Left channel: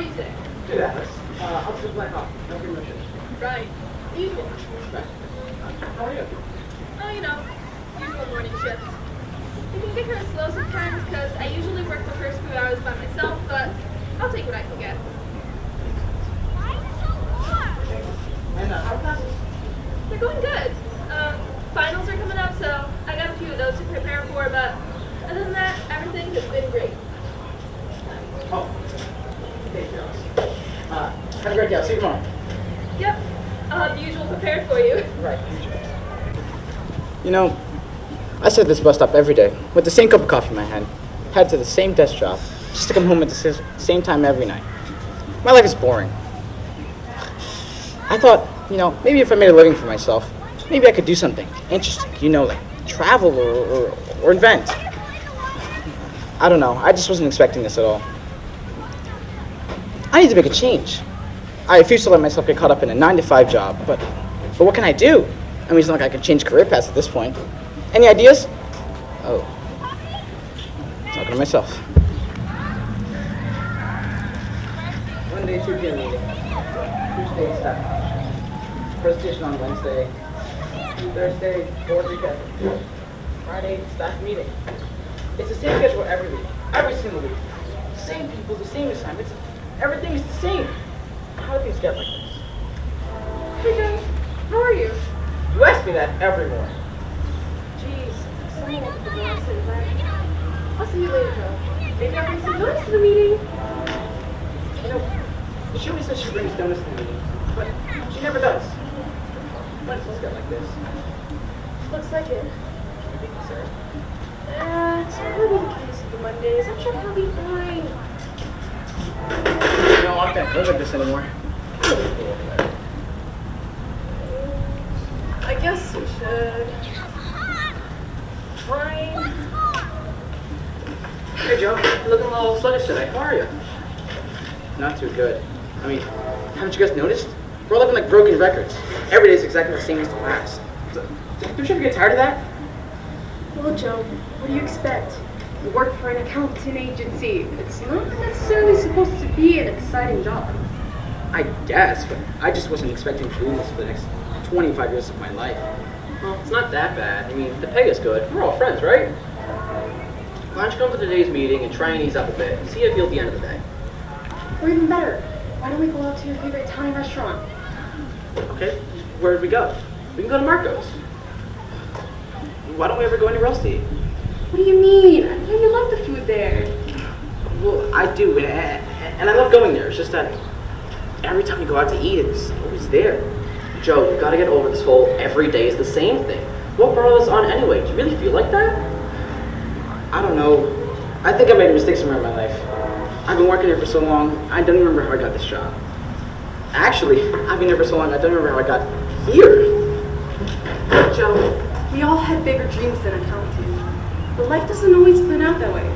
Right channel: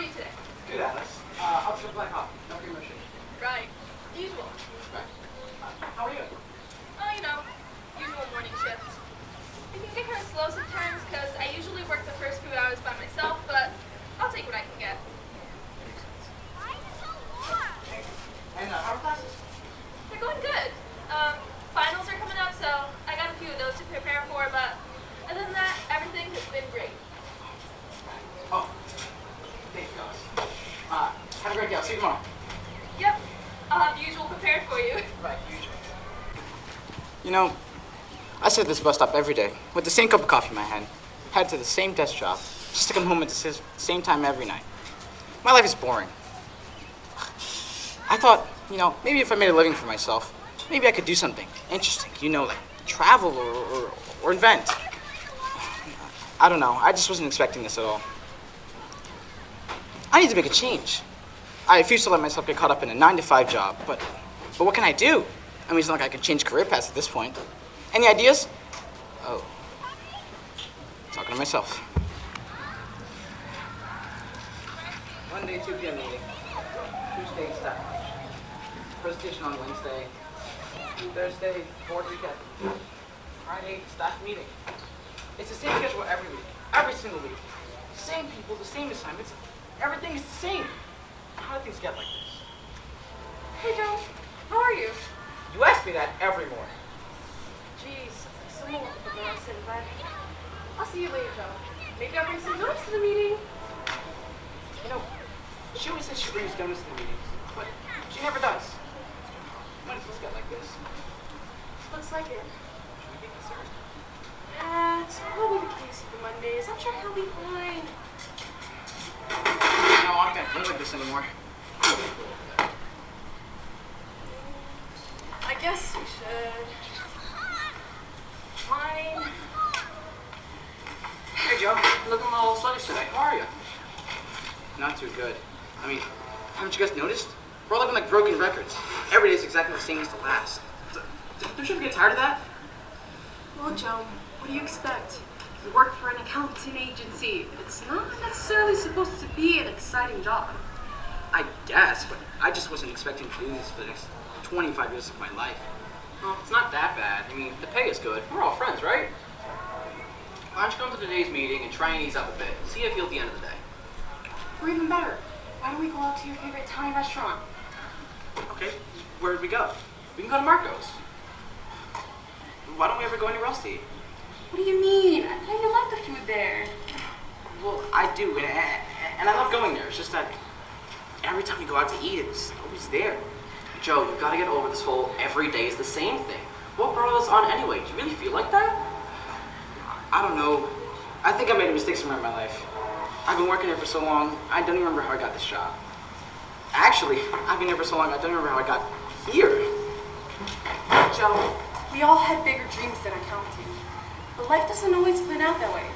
are you today? Good, Alice. I'll just play hockey. No promotion. Right. Usual. Right. How are you? Oh, you know, usual morning shift. It can get kind of slow sometimes because I usually work the first few hours by myself, but I'll take what I can get. And how are classes? They're going good. Finals are coming up, so I got a few of those to prepare for, but other than that, everything has been great. Oh, thank you, Alice. Have a great day. I'll see you tomorrow. Yep. I'll have the usual prepared for you. Right, usual. You know, I sit at this bus stop every day with the same cup of coffee in my hand, head to the same desk job, just to come home at the same time every night. My life is boring. I thought, you know, maybe if I made a living for myself, maybe I could do something interesting, you know, like travel or invent. I don't know. I just wasn't expecting this at all. I need to make a change. I refuse to let myself get caught up in a 9-to-5 job, but what can I do? I mean, it's not like I can change career paths at this point. Any ideas? Oh. Talking to myself. Monday, 2 p.m. meeting. Tuesday, staff. Presentation on Wednesday. Thursday, board weekend. Friday, staff meeting. It's the same schedule every week. Every single week. Same people, the same assignments. Everything is the same. How do things get like this? Hey, Joe. How are you? You ask me that every morning. Jeez, it's exciting with the last environment. I'll see you later, Joe. Maybe I'll bring some donuts to the meeting. You know, she always says she brings donuts to the meeting, but she never does. When does it get like this? Looks like it. You be concerned? It's never been the case for Mondays. I'm sure he'll be fine. You know, I can't live like this anymore. I guess we should try. Hey, Joe. You're looking a little sluggish today. How are you? Not too good. I mean, haven't you guys noticed? We're all living like broken records. Every day is exactly the same as the last. Don't you ever get tired of that? Well, Joe, what do you expect? You work for an accounting agency. It's not necessarily supposed to be an exciting job. I guess, but I just wasn't expecting to do this for the next 25 years of my life. Well, it's not that bad. I mean, the pay is good. We're all friends, right? Why don't you come to today's meeting and try and ease up a bit and see how you feel at the end of the day? Or even better, why don't we go out to your favorite Italian restaurant? Okay, where'd we go? We can go to Marco's. Why don't we ever go anywhere else to eat? What do you mean? I thought you love the food there. Well, I do, and I love going there. It's just that every time we go out to eat, it's always there. Joe, you gotta get over this whole every day is the same thing. What brought us on anyway? Do you really feel like that? I don't know. I think I made a mistake somewhere in my life. I've been working here for so long, I don't even remember how I got this job. Actually, I've been here for so long, I don't remember how I got here. Joe, we all had bigger dreams than accounting. But life doesn't always plan out that way.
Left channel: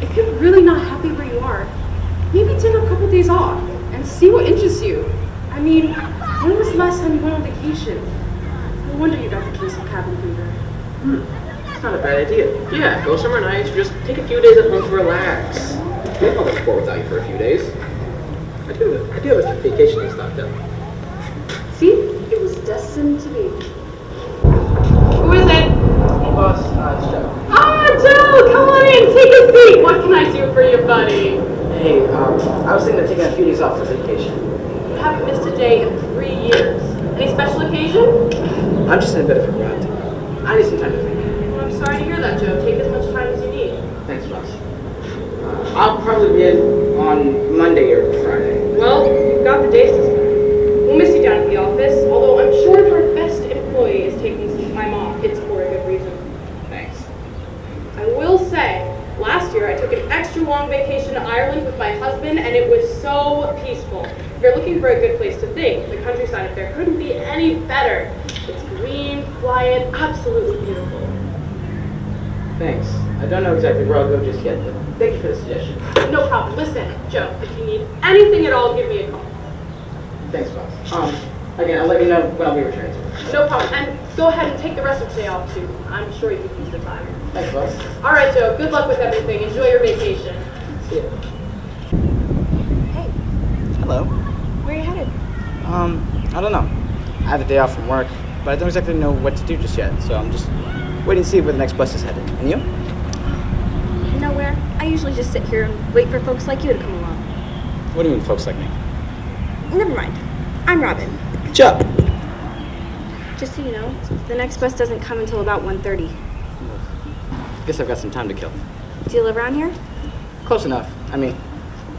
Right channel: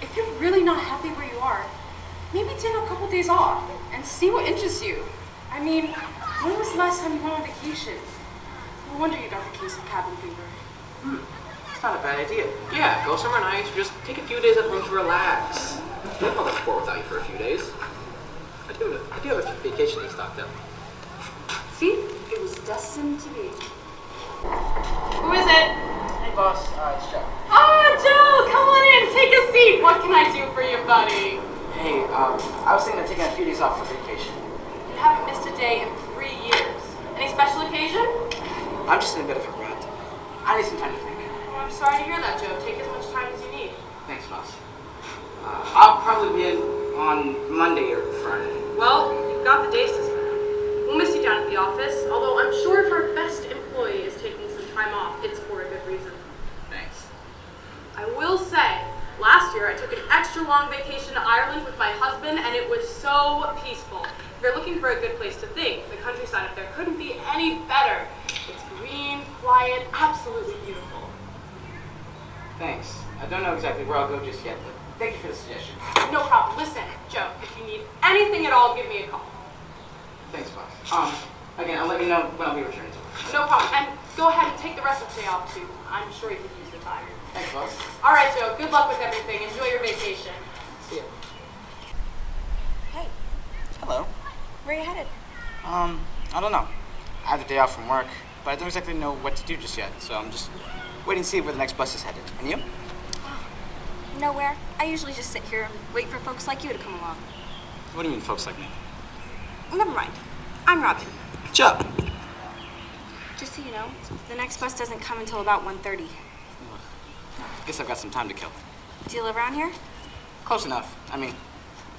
If you're really not happy where you are, maybe take a couple days off and see what interests you. I mean, when was the last time you went on vacation? No wonder you don't have some cabin fever. It's not a bad idea. Yeah, go somewhere nice or just take a few days at home to relax. We've gone before without you for a few days. I do have a vacation in Stockton. See? It was destined to be. Who is it? Hey, boss. It's Joe. Ah, Joe! Come on in, take a seat. What can I do for you, buddy? Hey, I was thinking of taking a few days off for vacation. You haven't missed a day in 3 years. Any special occasion? I'm just in a bit of a rut. I need some time to think. Well, I'm sorry to hear that, Joe. Take as much time as you need. Thanks, boss. I'll probably be in on Monday or Friday. Well, you've got the days to spare. We'll miss you down at the office, although I'm sure if our best employee is taking some time off, it's for a good reason. Thanks. I will say, last year I took an extra long vacation to Ireland with my husband, and it was so peaceful. If you're looking for a good place to think, the countryside up there couldn't be any better. It's green, quiet, absolutely beautiful. Thanks. I don't know exactly where I'll go just yet, but thank you for the suggestion. No problem. Listen, Joe, if you need anything at all, give me a call. Thanks, boss. Again, I'll let you know when I'll be returning to work. No problem. And go ahead and take the rest of today off, too. I'm sure you could use the time. Thanks, boss. All right, Joe. Good luck with everything. Enjoy your vacation. See ya. Hey, Hello. Where are you headed? I don't know. I have a day off from work, but I don't exactly know what to do just yet, so I'm just waiting to see where the next bus is headed. And you? Nowhere. I usually just sit here and wait for folks like you to come along. What do you mean, folks like me? Never mind. I'm Robin. Joe! Just so you know, the next bus doesn't come until about 1:30. Guess I've got some time to kill. Do you live around here? Close enough. I mean,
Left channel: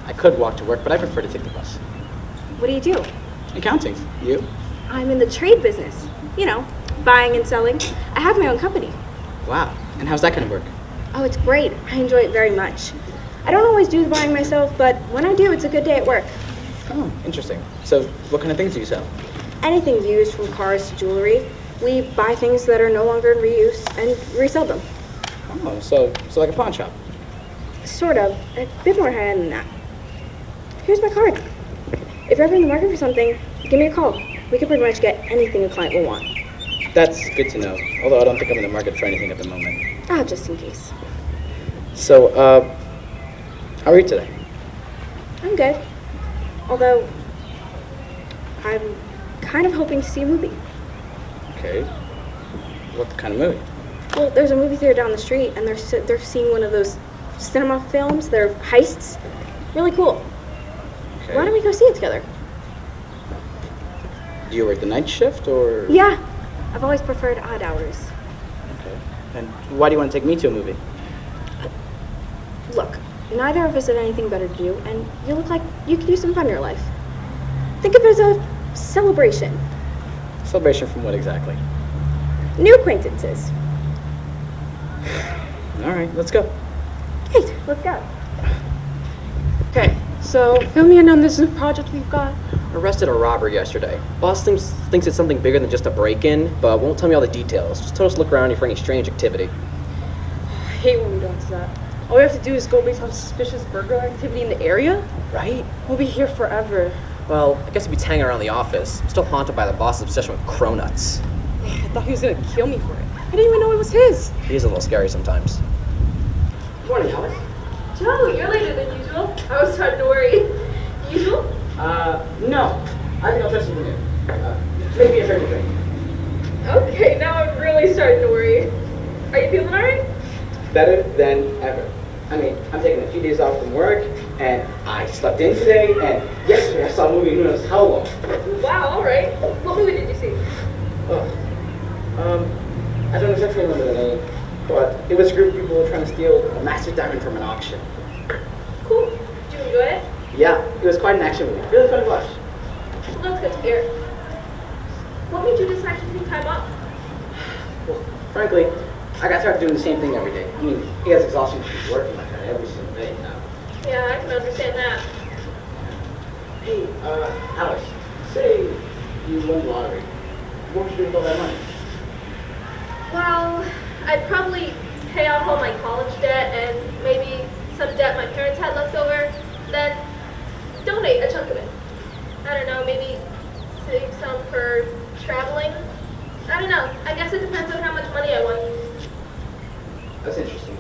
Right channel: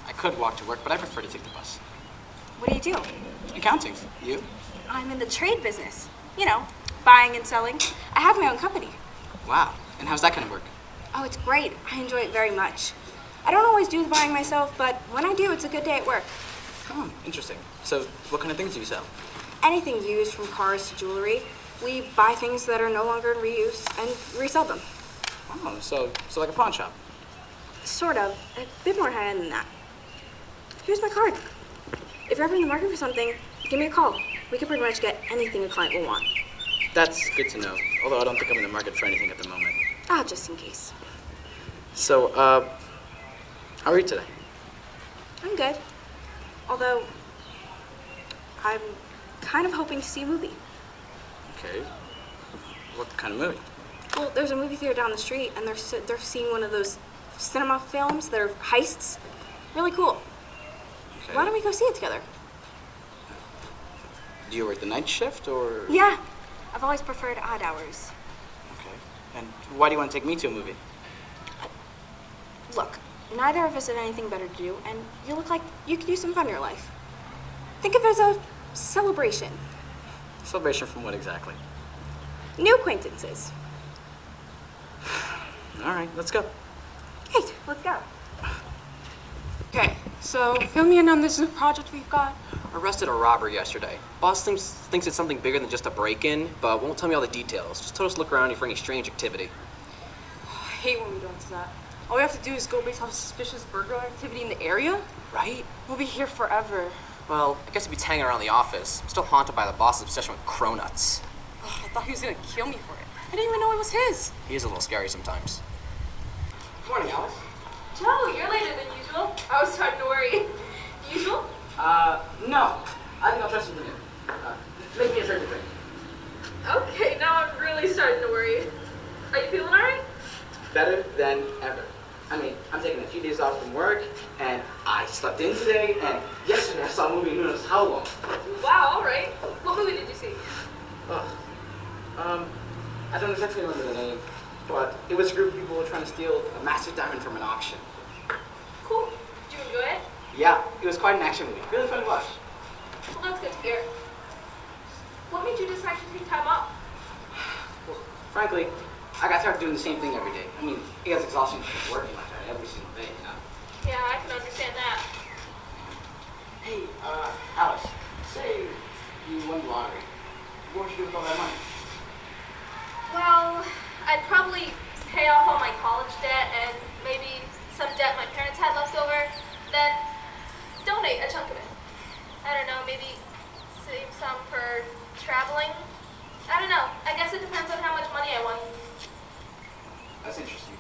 I could walk to work, but I prefer to take the bus. What do you do? Accounting. You? I'm in the trade business. You know, buying and selling. I have my own company. Wow. And how's that gonna work? Oh, it's great. I enjoy it very much. I don't always do the buying myself, but when I do, it's a good day at work. Oh, interesting. So, what kind of things do you sell? Anything used, from cars to jewelry. We buy things that are no longer in reuse and resell them. Oh, so like a pawn shop. Sort of. A bit more high-end than that. Here's my card. If you're ever in the market for something, give me a call. We can pretty much get anything a client will want. That's good to know, although I don't think I'm in the market for anything at the moment. Ah, just in case. So, how are you today? I'm good. Although, I'm kind of hoping to see a movie. Okay. What kind of movie? Well, there's a movie theater down the street, and they're seeing one of those cinema films. They're heists. Really cool. Okay. Why don't we go see it together? Do you work the night shift, or? Yeah. I've always preferred odd hours. Okay. And why do you want to take me to a movie? Look, neither of us have anything better to do, and you look like you could use some fun in your life. Think of it as a celebration. Celebration from what exactly? New acquaintances. All right, let's go. Great, let's go. Okay, so fill me in on this new project we've got. Arrested a robber yesterday. Boss thinks it's something bigger than just a break-in, but won't tell me all the details. Just told us to look around here for any strange activity. I hate when we don't do that. All we have to do is go based on suspicious burglar activity in the area. Right? We'll be here forever. Well, I guess if he's hanging around the office, I'm still haunted by the boss's obsession with cronuts. I thought he was gonna kill me for it. I didn't even know it was his. He is a little scary sometimes. Morning, Alice. Joe, you're later than usual. I was starting to worry. Usual? No. I think I'll try something new. Make me a favorite drink. Okay, now I'm really starting to worry. Are you feeling alright? Better than ever. I mean, I'm taking a few days off from work, and I slept in today, and yesterday I saw a movie who knows how long. Wow, alright. What movie did you see? I don't exactly remember the name, but it was a group of people who were trying to steal a massive diamond from an auction. Cool. Did you enjoy it? Yeah, it was quite an action movie. Really fun to watch. Well, that's good to hear. What made you decide to take time off? Well, frankly, I got tired of doing the same thing every day. I mean, it has exhaustion from working like that every single day, you know? Yeah, I can understand that. Hey, Alice, say you won the lottery. What would you do with all that money? Well, I'd probably pay off all my college debt and maybe some debt my parents had left over, then donate a chunk of it. I don't know, maybe save some for traveling. I don't know. I guess it depends on how much money I want. That's interesting.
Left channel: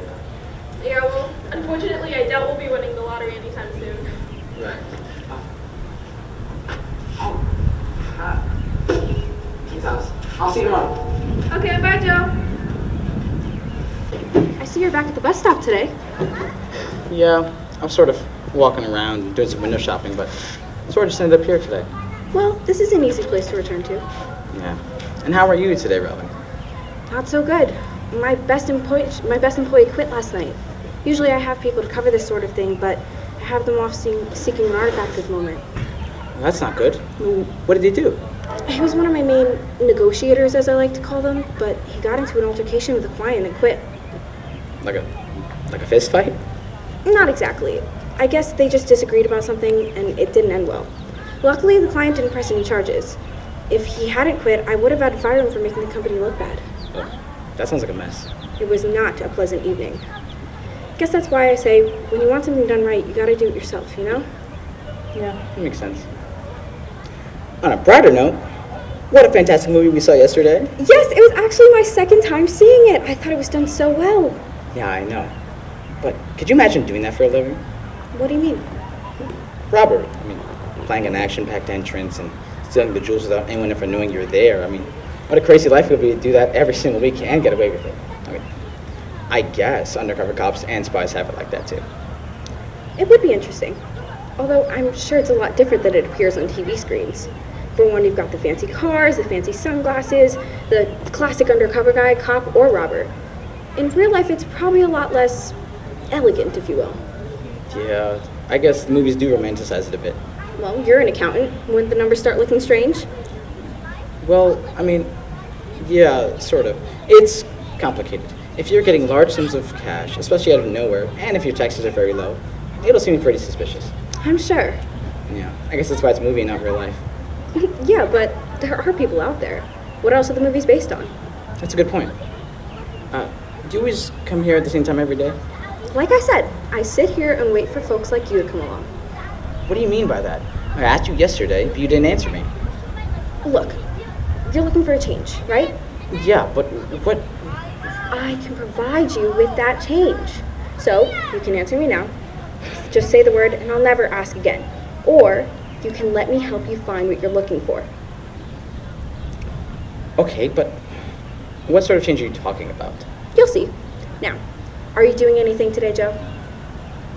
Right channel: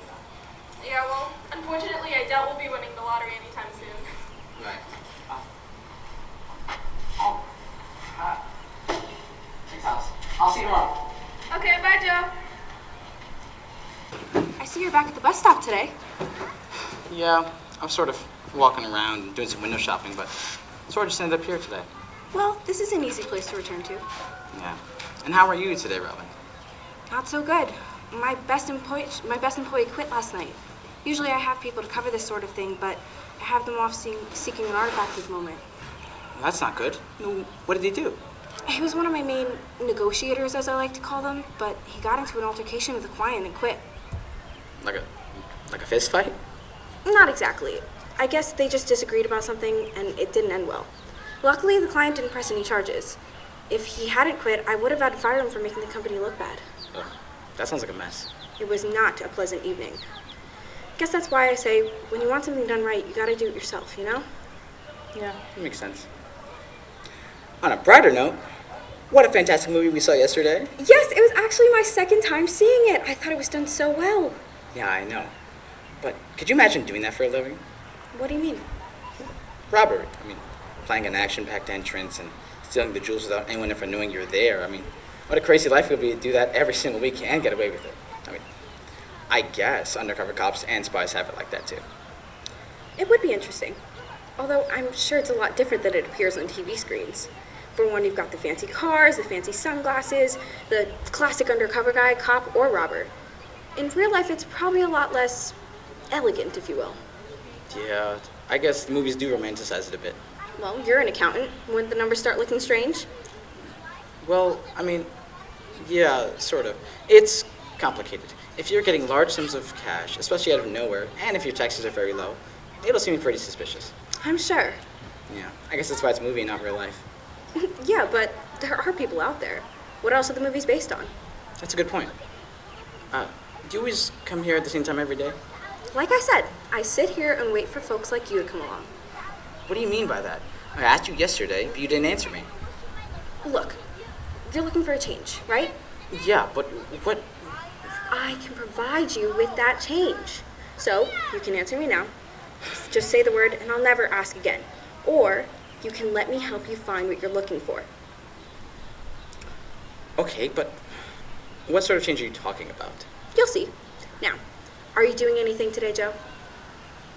Yeah, well, unfortunately, I doubt we'll be winning the lottery anytime soon. Right. Thanks, Alice. I'll see you tomorrow. Okay, bye, Joe. I see you're back at the bus stop today. Yeah, I'm sort of walking around doing some window shopping, but sort of just ended up here today. Well, this is an easy place to return to. Yeah. And how are you today, Robin? Not so good. My best employee quit last night. Usually I have people to cover this sort of thing, but I have them off seeking an artifact at the moment. Well, that's not good. What did he do? He was one of my main negotiators, as I like to call them, but he got into an altercation with a client and quit. Like a fist fight? Not exactly. I guess they just disagreed about something and it didn't end well. Luckily, the client didn't press any charges. If he hadn't quit, I would have had to fire him for making the company look bad. That sounds like a mess. It was not a pleasant evening. Guess that's why I say, when you want something done right, you gotta do it yourself, you know? Yeah, that makes sense. On a brighter note, what a fantastic movie we saw yesterday. Yes, it was actually my second time seeing it. I thought it was done so well. Yeah, I know. But could you imagine doing that for a living? What do you mean? Robbery. I mean, planning an action-packed entrance and stealing the jewels without anyone ever knowing you're there. I mean, what a crazy life it would be to do that every single week and get away with it. I mean, I guess undercover cops and spies have it like that too. It would be interesting. Although I'm sure it's a lot different than it appears on TV screens. For one, you've got the fancy cars, the fancy sunglasses, the classic undercover guy, cop, or robber. In real life, it's probably a lot less elegant, if you will. Yeah, I guess the movies do romanticize it a bit. Well, you're an accountant. Wouldn't the numbers start looking strange? Well, I mean, yeah, sort of. It's complicated. If you're getting large sums of cash, especially out of nowhere, and if your taxes are very low, it'll seem pretty suspicious. I'm sure. Yeah, I guess that's why it's a movie, not real life. Yeah, but there are people out there. What else are the movies based on? That's a good point. Do you always come here at the same time every day? Like I said, I sit here and wait for folks like you to come along. What do you mean by that? I asked you yesterday, but you didn't answer me. Look, you're looking for a change, right? Yeah, but what? I can provide you with that change. So, you can answer me now. Just say the word and I'll never ask again. Or, you can let me help you find what you're looking for. Okay, but what sort of change are you talking about? You'll see. Now, are you doing anything today, Joe?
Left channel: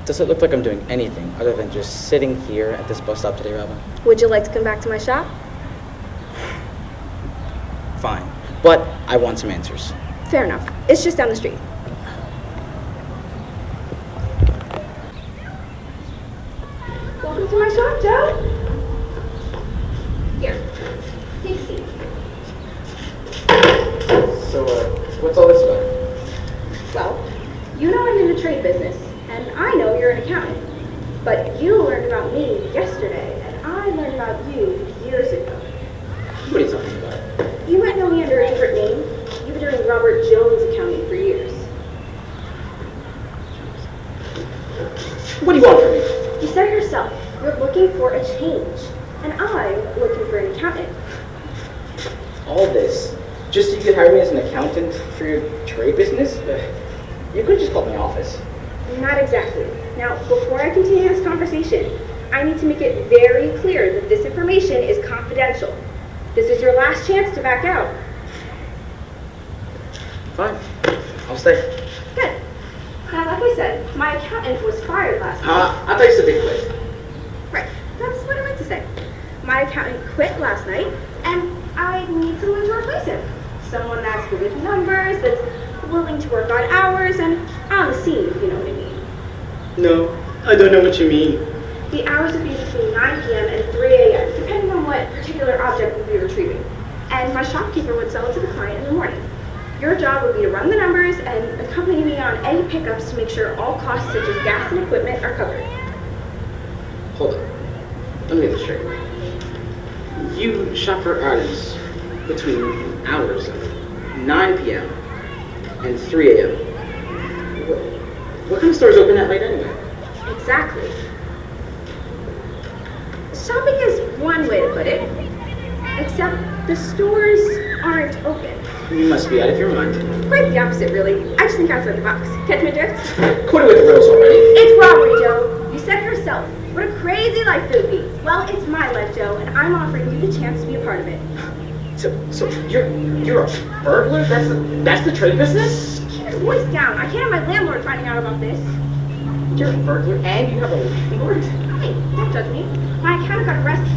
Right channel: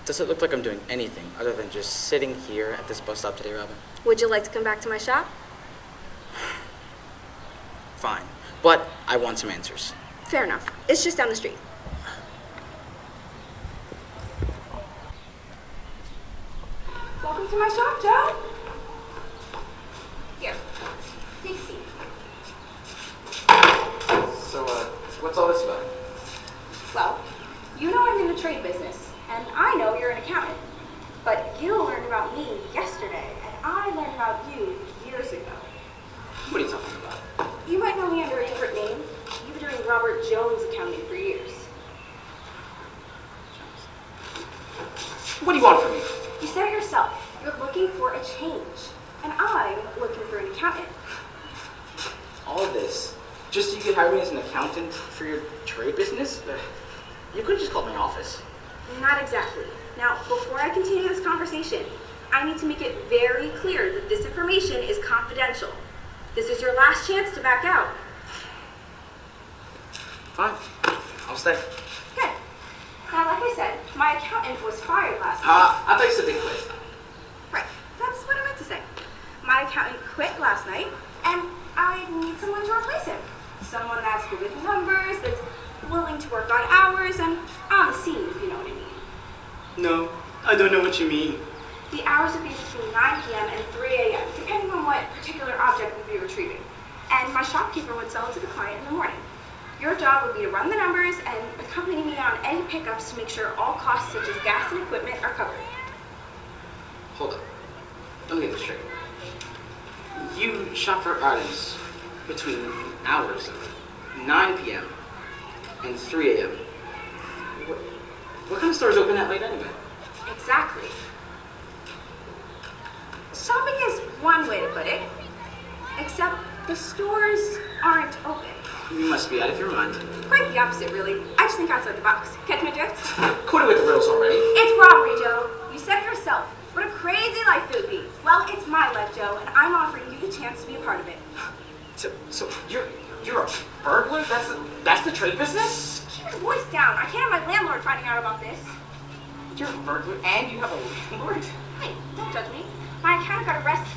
Does it look like I'm doing anything other than just sitting here at this bus stop today, Robin? Would you like to come back to my shop? Fine, but I want some answers. Fair enough. It's just down the street. Welcome to my shop, Joe. Here, take a seat. So, what's all this about? Well, you know I'm in the trade business, and I know you're an accountant. But you learned about me yesterday, and I learned about you years ago. What are you talking about? You might know me under a different name. You've been doing Robert Jones accounting for years. What do you want from me? You said it yourself. You're looking for a change, and I'm looking for an accountant. All this, just so you could hire me as an accountant for your trade business? You could have just called my office. Not exactly. Now, before I continue this conversation, I need to make it very clear that this information is confidential. This is your last chance to back out. Fine. I'll stay. Good. Now, like I said, my accountant was fired last week. I thought you said they quit. Right. That's what I meant to say. My accountant quit last night, and I need someone to replace him. Someone that's good with numbers, that's willing to work odd hours, and on the scene, if you know what I mean. No, I don't know what you mean. The hours would be between 9 p.m. and 3 a.m., depending on what particular object we'd be retrieving. And my shopkeeper would sell it to the client in the morning. Your job would be to run the numbers and accompany me on any pickups to make sure all costs such as gas and equipment are covered. Hold up. Let me get this straight. You shop for items between hours of 9 p.m. and 3 a.m. What kind of stores open that late anyway? Exactly. Shopping is one way to put it, except the stores aren't open. You must be out of your mind. Quite the opposite, really. I just think outside the box. Catch my drift? Quit it with the riddles already. It's robbery, Joe. You said it yourself. What a crazy life it would be. Well, it's my life, Joe, and I'm offering you the chance to be a part of it. So you're a burglar? That's the trade business? Keep your voice down. I can't have my landlord finding out about this. You're a burglar and you have a landlord? Hey, don't judge me. My accountant got arrested.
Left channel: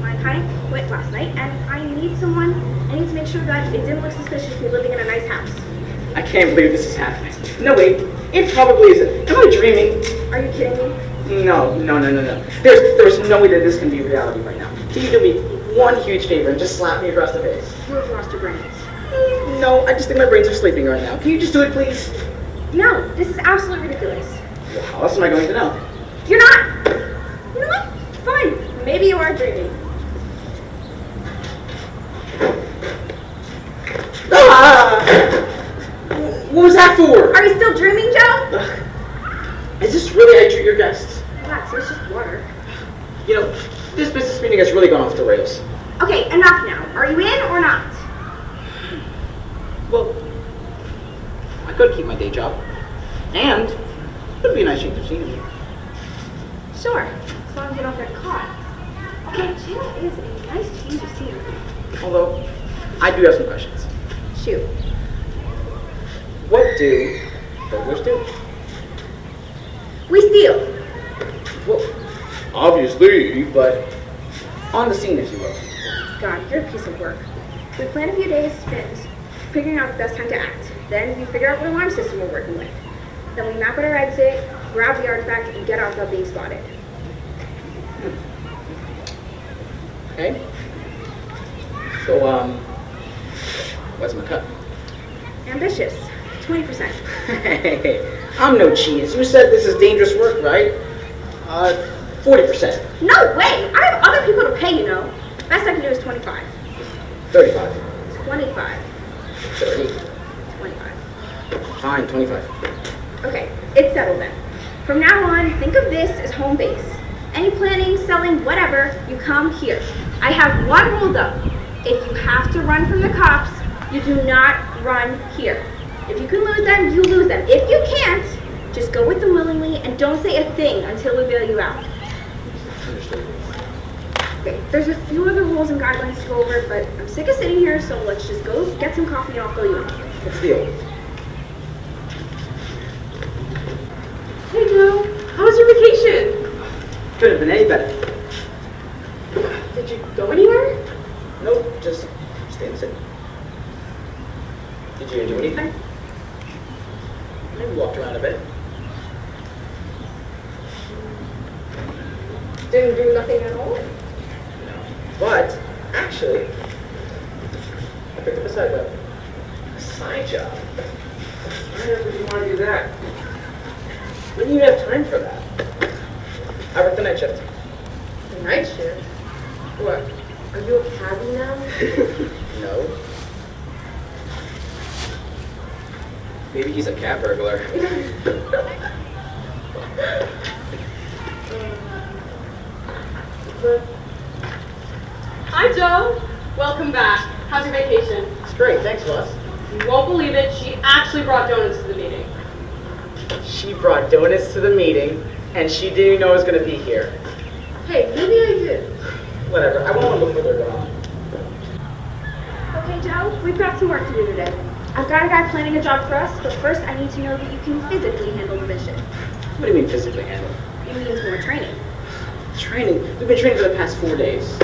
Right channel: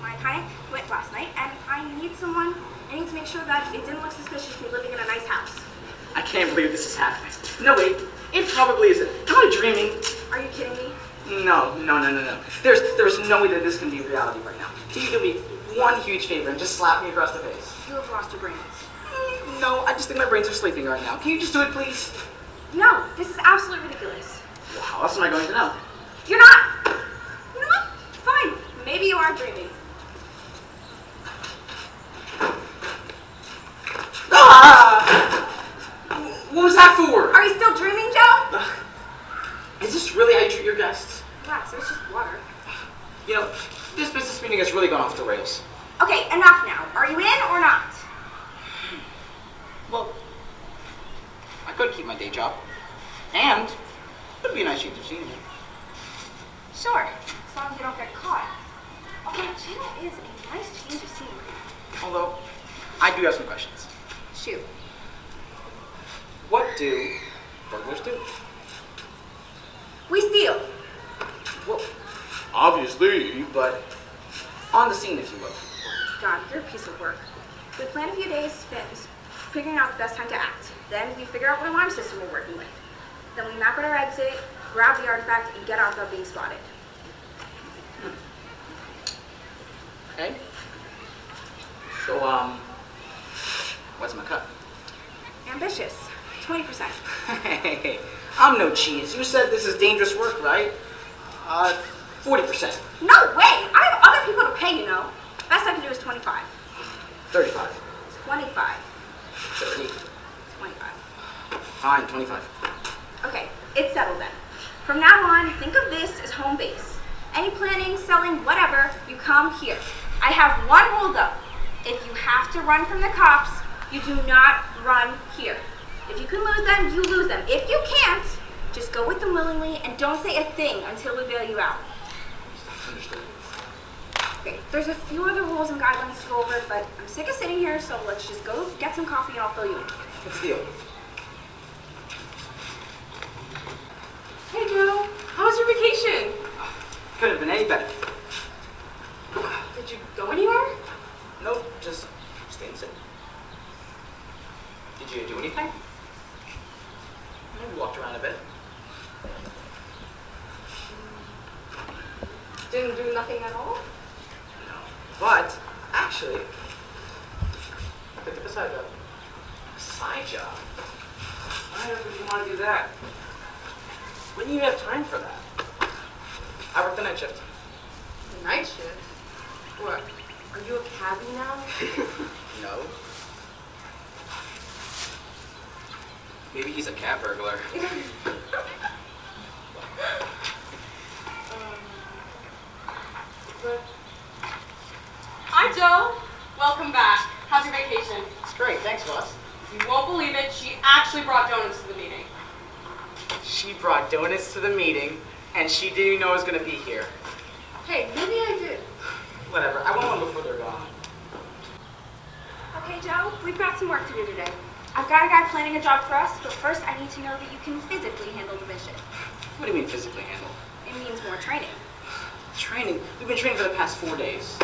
My accountant quit last night, and I need someone. I need to make sure that it didn't look suspicious me living in a nice house. I can't believe this is happening. No, wait. It probably isn't. Am I dreaming? Are you kidding me? No. There's no way that this can be reality right now. Can you do me one huge favor and just slap me across the face? You have lost your brains. No, I just think my brains are sleeping right now. Can you just do it, please? No, this is absolutely ridiculous. Well, how else am I going to know? You're not! You know what? Fine. Maybe you are dreaming. Ah! What was that for? Are you still dreaming, Joe? Is this really how you treat your guests? Relax, it's just water. You know, this business meeting has really gone off the rails. Okay, enough now. Are you in or not? Well, I could keep my day job. And it would be a nice change of scenery. Sure, as long as you don't get caught. Although jail is a nice change of scenery. Although, I do have some questions. Shoot. What do burglars do? We steal. Well, obviously, but on the scene, if you will. God, you're a piece of work. We plan a few days spent figuring out the best time to act. Then we figure out what alarm system we're working with. Then we map out our exit, grab the artifact, and get out without being spotted. Okay. So, what's my cut? Ambitious. 20%. Hey, I'm no cheese. You said this is dangerous work, right? 40%. No way! I have other people to pay, you know. Best I can do is 25. 35. 25. 30. 25. Fine, 25. Okay, it's settled then. From now on, think of this as home base. Any planning, selling, whatever, you come here. I have one rule though. If you have to run from the cops, you do not run here. If you can lose them, you lose them. If you can't, just go with them willingly and don't say a thing until we bail you out. Understood. Okay, there's a few other rules and guidelines to go over, but I'm sick of sitting here, so let's just go get some coffee and I'll fill you in. What's the deal? Hey Joe, how was your vacation? Could have been any better. Did you go anywhere? Nope, just stay in the city. Did you do anything? Maybe walked around a bit. Didn't do nothing at all? No. But, actually, I picked up a side job. Why would you want to do that? When do you have time for that? I work the night shift. The night shift? What? Are you a cabbie now? No. Maybe he's a cat burglar. Hi Joe, welcome back. How's your vacation? It's great, thanks, Ross. You won't believe it, she actually brought donuts to the meeting. She brought donuts to the meeting, and she didn't even know I was going to be here. Hey, maybe I did. Whatever, I want one before they're gone. Okay, Joe, we've got some work to do today. I've got a guy planning a job for us, but first I need to know that you can physically handle the mission. What do you mean physically handle? It means more training. Training? We've been training for the past 4 days.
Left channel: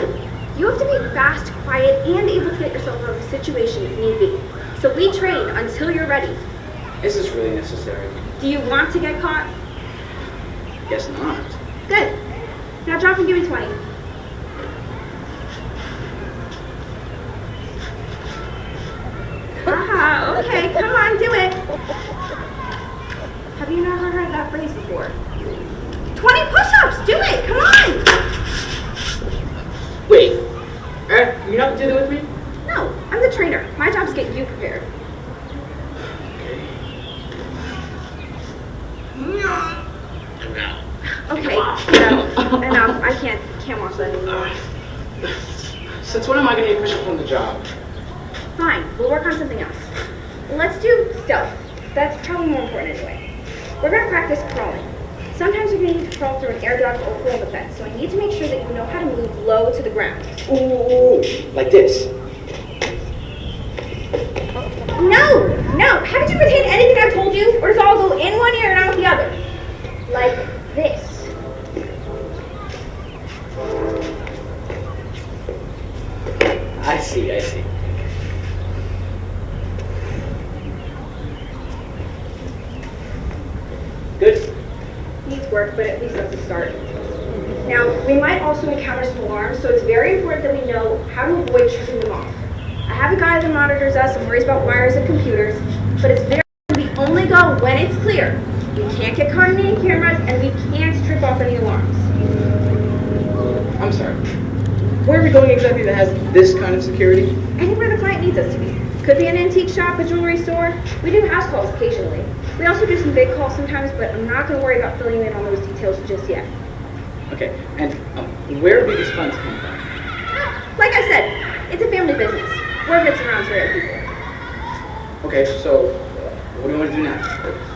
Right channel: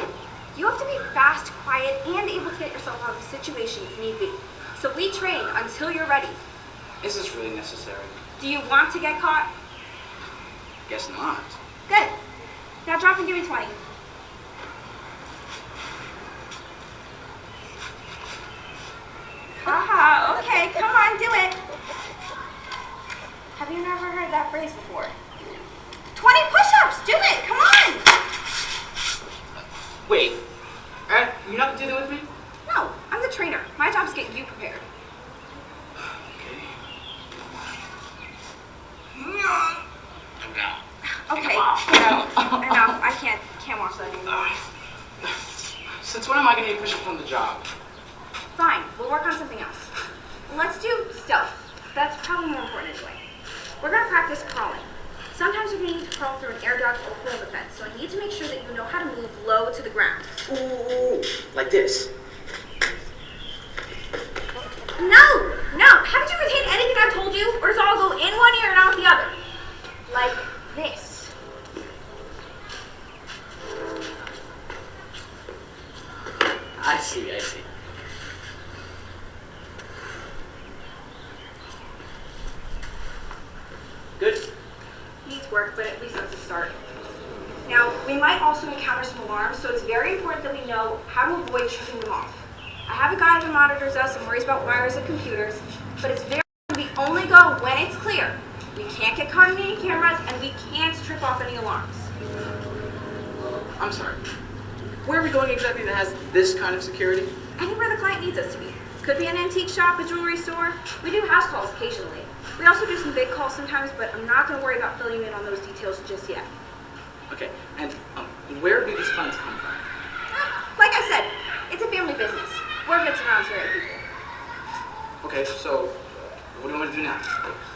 You have to be fast, quiet, and able to get yourself out of a situation if need be. So we train until you're ready. Is this really necessary? Do you want to get caught? Guess not. Good. Now drop and give me 20. Ah, okay, come on, do it. Have you never heard that phrase before? 20 push-ups, do it, come on. Wait, you're not doing it with me? No, I'm the trainer. My job is to get you prepared. Okay, no, enough. I can't watch that anymore. Since when am I going to get push-ups on the job? Fine, we'll work on something else. Let's do stealth. That's probably more important anyway. We're gonna practice crawling. Sometimes you're gonna need to crawl through an air duct or hole in the fence, so I need to make sure that you know how to move low to the ground. Ooh, like this. No! Haven't you retained anything I've told you? Or does it all go in one ear and out the other? Like this. I see. Good. Needs work, but at least that's a start. Now, we might also encounter some alarms, so it's very important that we know how to avoid tripping them off. I have a guy that monitors us and worries about wires and computers, but it's very important we only go when it's clear. We can't get caught in any cameras, and we can't trip off any alarms. I'm sorry. Where are we going exactly that has this kind of security? Anywhere the client needs us to be. Could be an antique shop, a jewelry store. We do house calls occasionally. We also do some big calls sometimes, but I'm not going to worry about filling you in on those details just yet. Okay, and where do these funds come from? Like I said, it's a family business. Word gets around to other people. Okay, so what do you want to do now?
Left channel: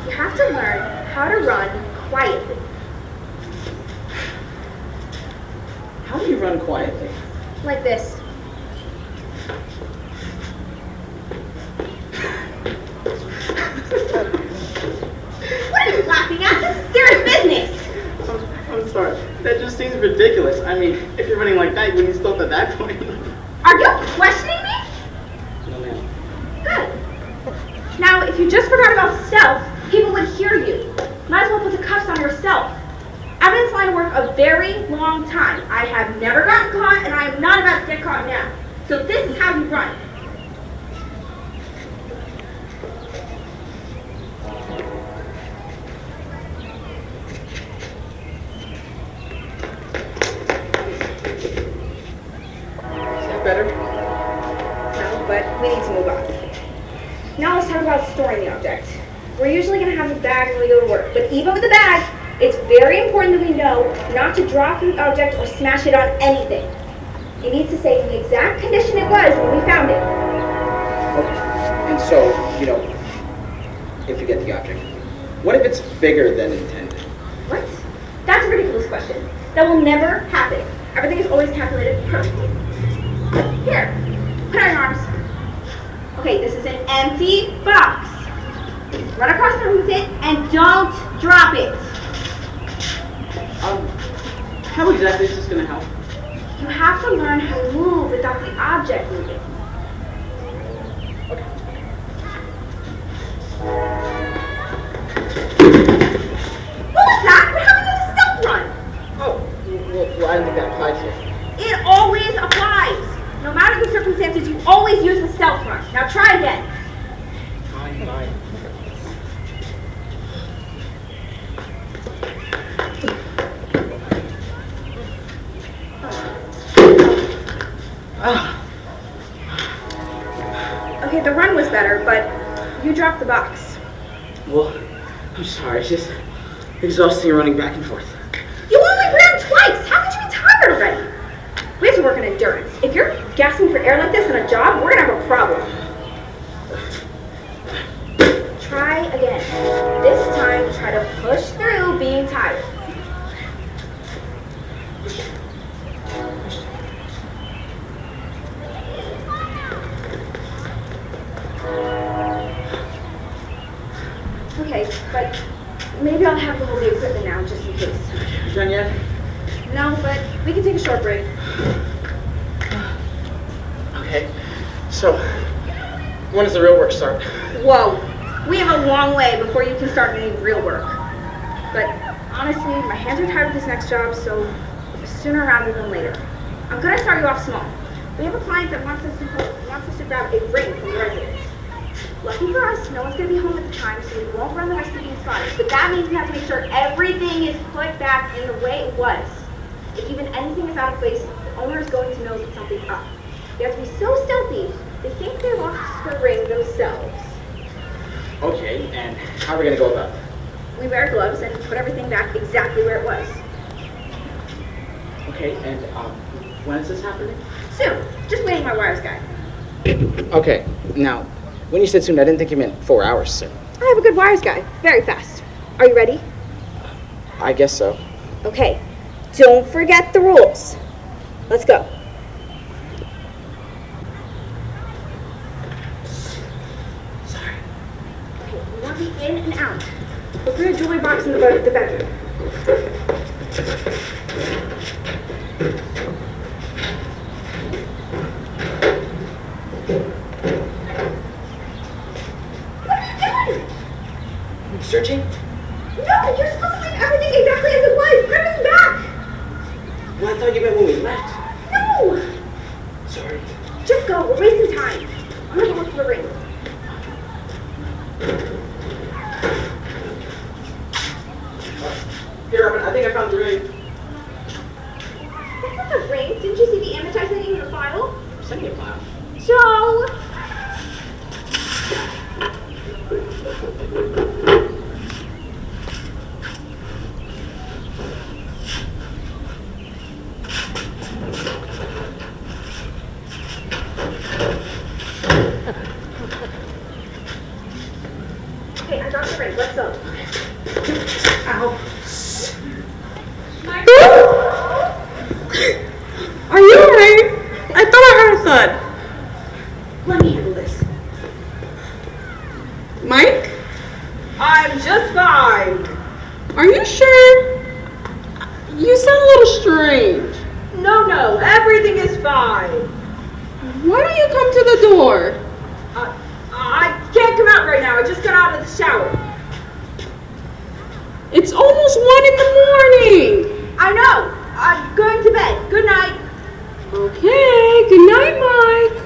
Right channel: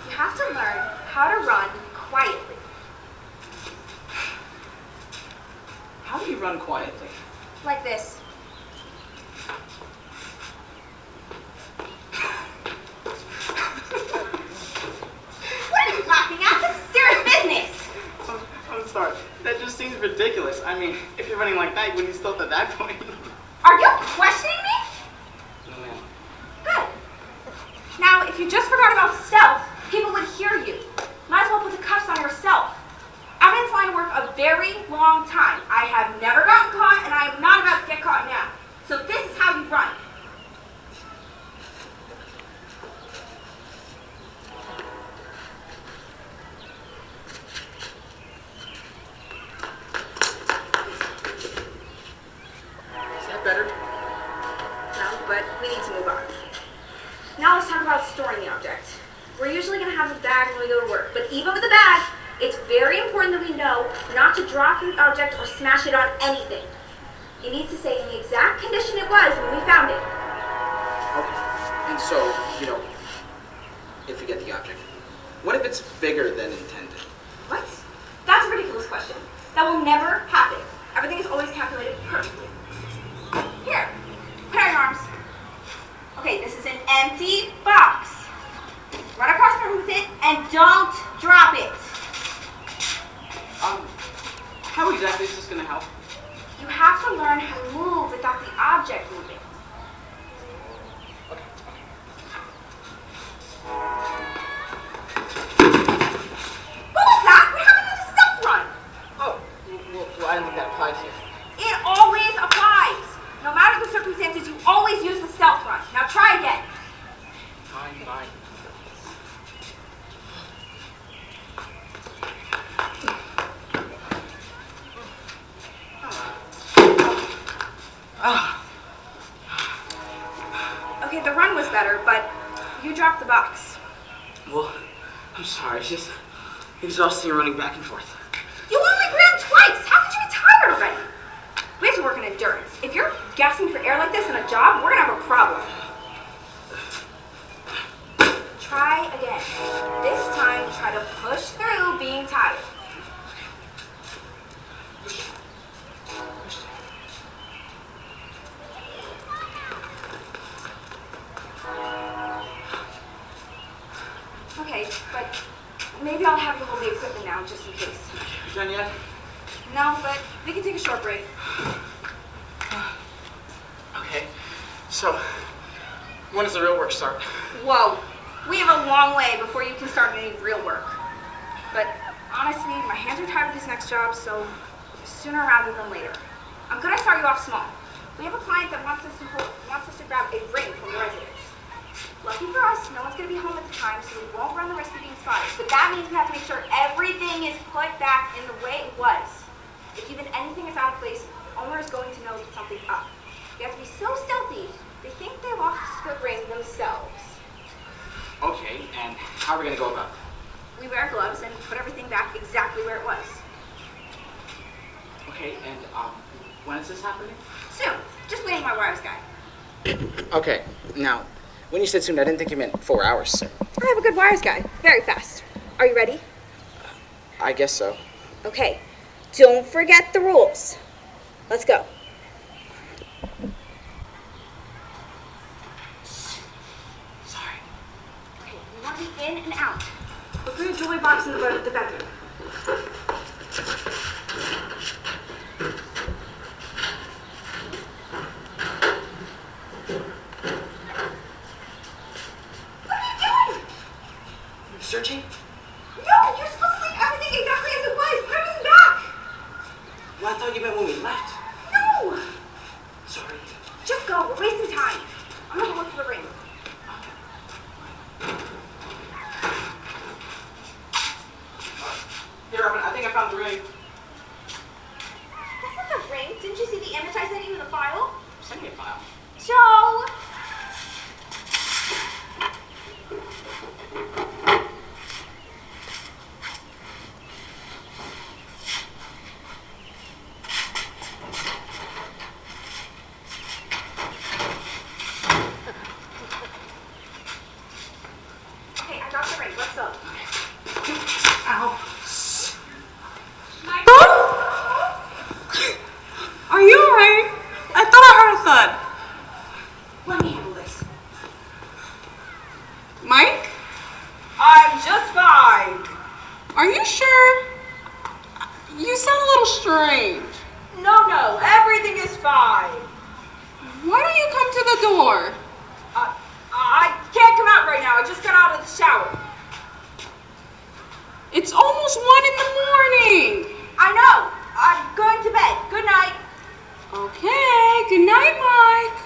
You have to learn how to run quietly. How do you run quietly? Like this. What are you laughing at? This is serious business. I'm sorry. That just seems ridiculous. I mean, if you're running like that, you wouldn't stop at that point. Are you questioning me? No, ma'am. Good. Now, if you just forgot about stealth, people would hear you. Might as well put the cuffs on yourself. I've been in this line of work a very long time. I have never gotten caught, and I am not about to get caught now. So this is how you run. Is that better? No, but we need to move on. Now let's talk about storing the object. We're usually going to have the bag when we go to work, but even with the bag, it's very important that we know not to drop the object or smash it on anything. It needs to say the exact condition it was when we found it. Okay. And so, if you get the object, what if it's bigger than intended? What? That's a ridiculous question. That will never happen. Everything is always calculated perfectly. Here, put on your arms. Okay, this is an empty box. Run across the room with it and don't drop it. How exactly is this going to help? You have to learn how to move without the object moving. Okay. What was that? What happened to the stealth run? Oh, well, I don't think that applies here. It always applies. No matter the circumstances, you always use the stealth run. Now try again. Fine. Okay, the run was better, but you dropped the box. Well, I'm sorry. It's just exhausting running back and forth. You only ran twice. How could you be tired already? We have to work on endurance. If you're gasping for air like this in a job, we're gonna have a problem. Try again. This time, try to push through being tired. Okay, but maybe I'll have to hold the equipment now just in case. You done yet? No, but we can take a short break. Okay. So, when does the real work start? Whoa, we have a long way before you can start any real work. But honestly, my hands are tired with this next job, so sooner rather than later. I'm gonna start you off small. We have a client that wants us to grab a ring from the residence. Lucky for us, no one's gonna be home at the time, so we won't run the risk of being spotted. But that means we have to make sure everything is put back in the way it was. If even anything is out of place, the owner is going to know that something's up. They have to be so stealthy, they think they lost the ring themselves. Okay, and how are we going to go about it? We wear gloves and put everything back exactly where it was. Okay, and when is this happening? Soon. Just waiting my wires guy. Okay, now, when you said soon, I didn't think you meant 4 hours. I have a good wires guy. Very fast. Are you ready? I guess so. Okay. Don't forget the rules. Let's go. Sorry. Okay, we want to be in and out. Look for your jewelry box in the bedroom. What are you doing? Searching? No, you're supposed to leave everything exactly as it was. Put everything back. Well, I thought you meant when we left. No. Sorry. Just go. We're wasting time. I'm gonna go look for the ring. Here, I think I found the ring. That's not a ring. Didn't you see the image I sent you in the file? Send me a file. Joe! Okay, I got the ring. Let's go. Ow. just fine. Are you sure? You sound a little strange. No, everything is fine. Why don't you come to the door? I can't come out right now. I just got out of the shower. It's almost 1 in the morning. I know. I'm going to bed. Good night. Okay, good night, Mike.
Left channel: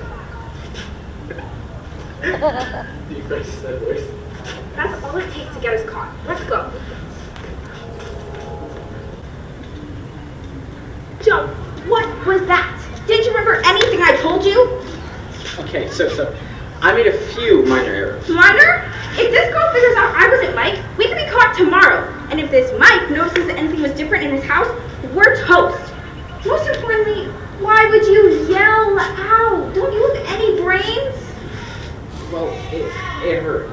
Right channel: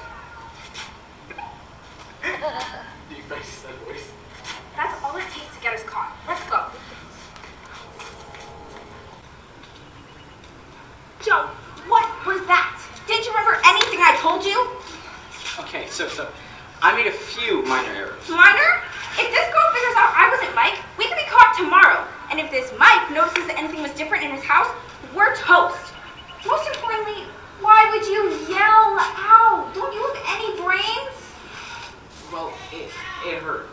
That's all it takes to get us caught. Let's go. Joe, what was that? Didn't you remember anything I told you? Okay, so I made a few minor errors. Minor? If this girl figures out I wasn't Mike, we could be caught tomorrow. And if this Mike notices that anything was different in his house, we're toast. Most importantly, why would you yell out? Don't you have any brains? Well, it hurt.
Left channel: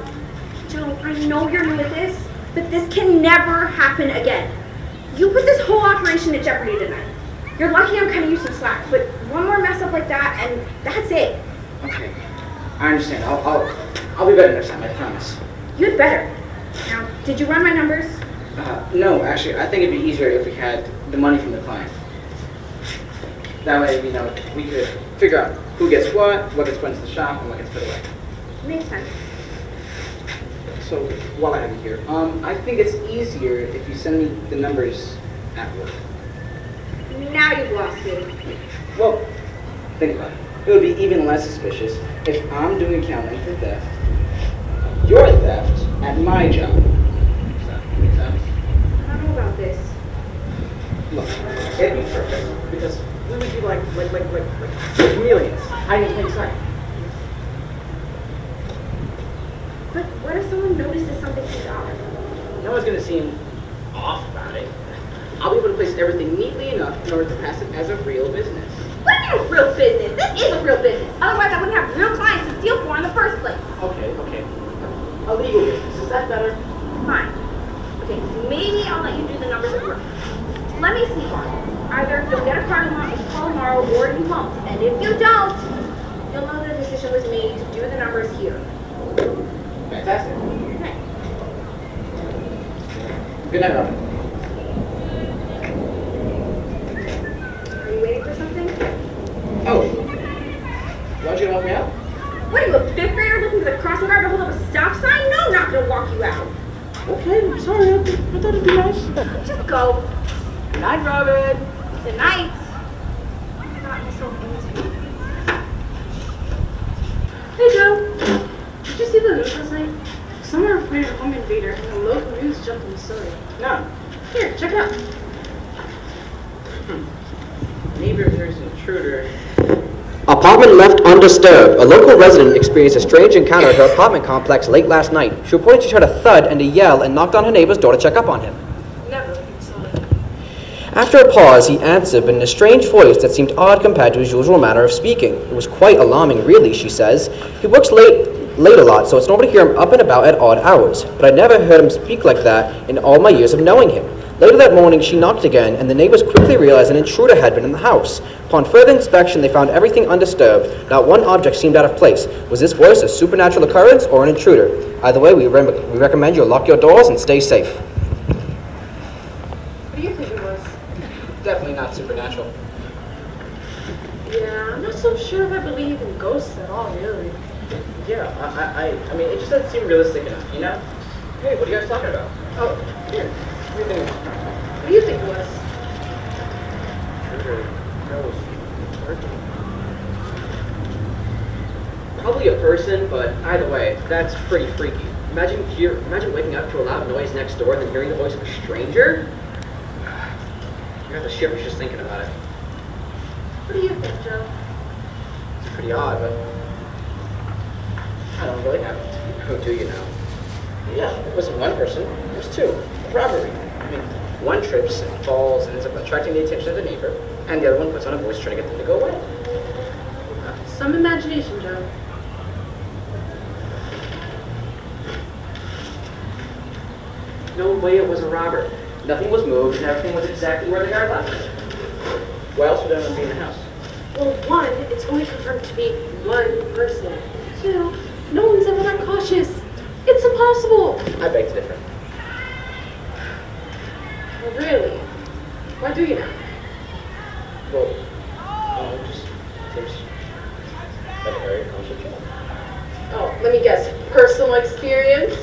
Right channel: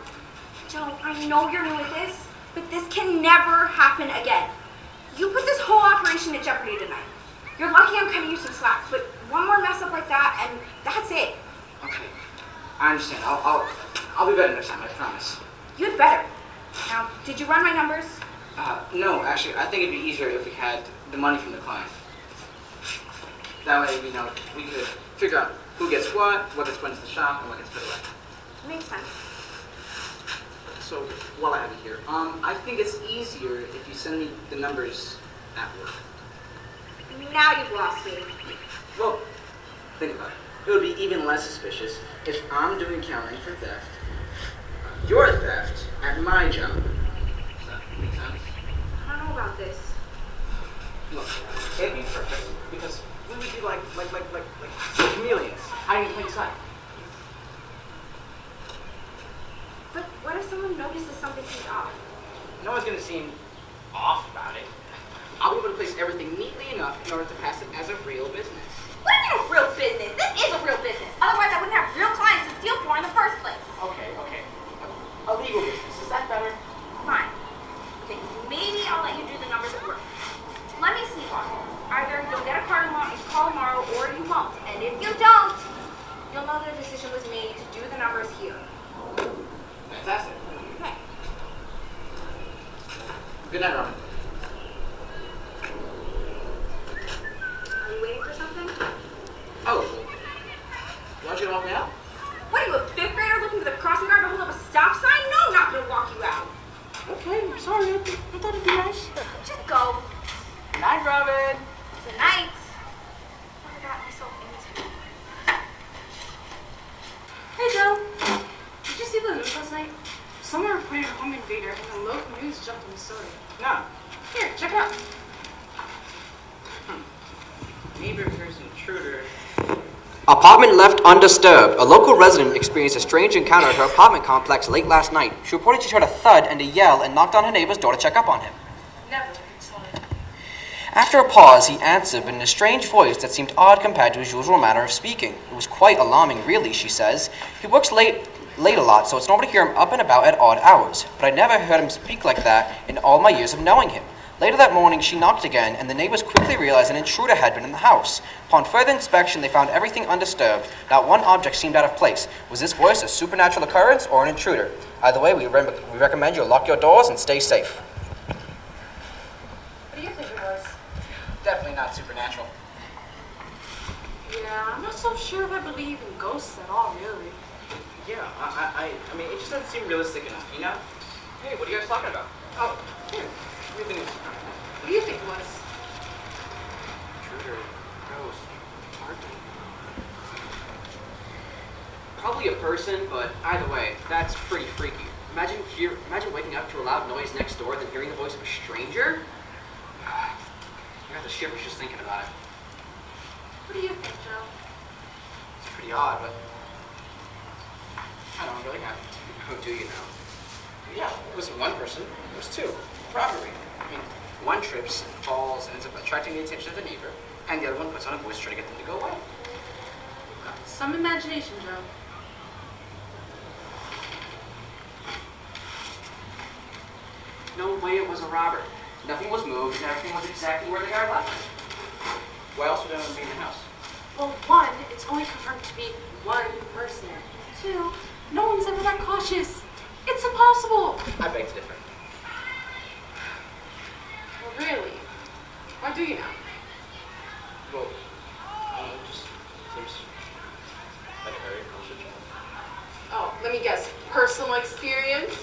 Joe, I know you're new at this, but this can never happen again. You put this whole operation at jeopardy tonight. You're lucky I'm cutting you some slack, but one more mess up like that, and that's it. Okay, I understand. I'll be better next time. I promise. You'd better. Now, did you run my numbers? No, actually, I think it'd be easier if we had the money from the client. That way, we could figure out who gets what gets put into the shop, and what gets put away. Makes sense. So, while I have you here, I think it's easier if you send me the numbers at work. Now you've lost me. Well, think about it. It would be even less suspicious if I'm doing accounting for theft, your theft at my job. Does that make sense? I don't know about this. Look, it'd be perfect because we would be like chameleons, hiding in plain sight. But what if someone notices something seems off? No one's gonna seem off about it. I'll be able to place everything neatly enough in order to pass it as a real business. What do you mean a real business? This is a real business. Otherwise, I wouldn't have real clients to steal for in the first place. Okay. A legal business, is that better? Fine. Okay, maybe I'll let you do the numbers at work. Let me sleep on it. Either you'll get a card and call tomorrow, or you won't. And if you don't, you'll know the decision was made to do the numbers here. Fantastic. Okay. Good night, Robin. Are you waiting for something? Oh. Want you to help me out? What are you, a fifth grader looking for the crossing guard to hold up a stop sign? No, I'm not gonna walk you out. Okay, I'm sorry. I thought it'd be nice. Just go. Good night, Robin. Good night. I got myself into. Hey, Joe. Did you see the news last night? Someone reported a home invader and the local news jumped on the story. No. Here, check it out. Maybe if there's an intruder. Apartment left undisturbed. A local resident experienced a strange encounter at her apartment complex late last night. She reported she heard a thud and a yell and knocked on her neighbor's door to check up on him. Never saw it. After a pause, he answered, but in a strange voice that seemed odd compared to his usual manner of speaking. It was quite alarming, really, she says. He works late a lot, so it's normal to hear him up and about at odd hours. But I never heard him speak like that in all my years of knowing him. Later that morning, she knocked again, and the neighbors quickly realized an intruder had been in the house. Upon further inspection, they found everything undisturbed. Not one object seemed out of place. Was this voice a supernatural occurrence or an intruder? Either way, we recommend you lock your doors and stay safe. What do you think it was? Definitely not supernatural. Yeah, I'm not so sure if I believe in ghosts at all, really. Yeah, I mean, it just doesn't seem realistic enough, you know? Hey, what are you guys talking about? Oh, here. Everything. What do you think it was? Intruder, ghost, parking. Probably a person, but either way, that's pretty freaky. Imagine waking up to a loud noise next door, then hearing the voice of a stranger. You have the shivers just thinking about it. What do you think, Joe? It's pretty odd, but I don't really have it. Who do you know? Yeah, it wasn't one person. It was two. Robbery. I mean, one trips and falls and ends up attracting the attention of the neighbor, and the other one puts on a voice trying to get them to go away. Some imagination, Joe. No way it was a robber. Nothing was moved, and everything was exactly where the guy left it. Why else would anyone be in the house? Well, one, it's only confirmed to be one person. Two, no one's ever that cautious. It's impossible. impossible. I beg to differ. Well, really? Why do you now? Well, just seems like a very concert. Oh, let me guess. Personal experience?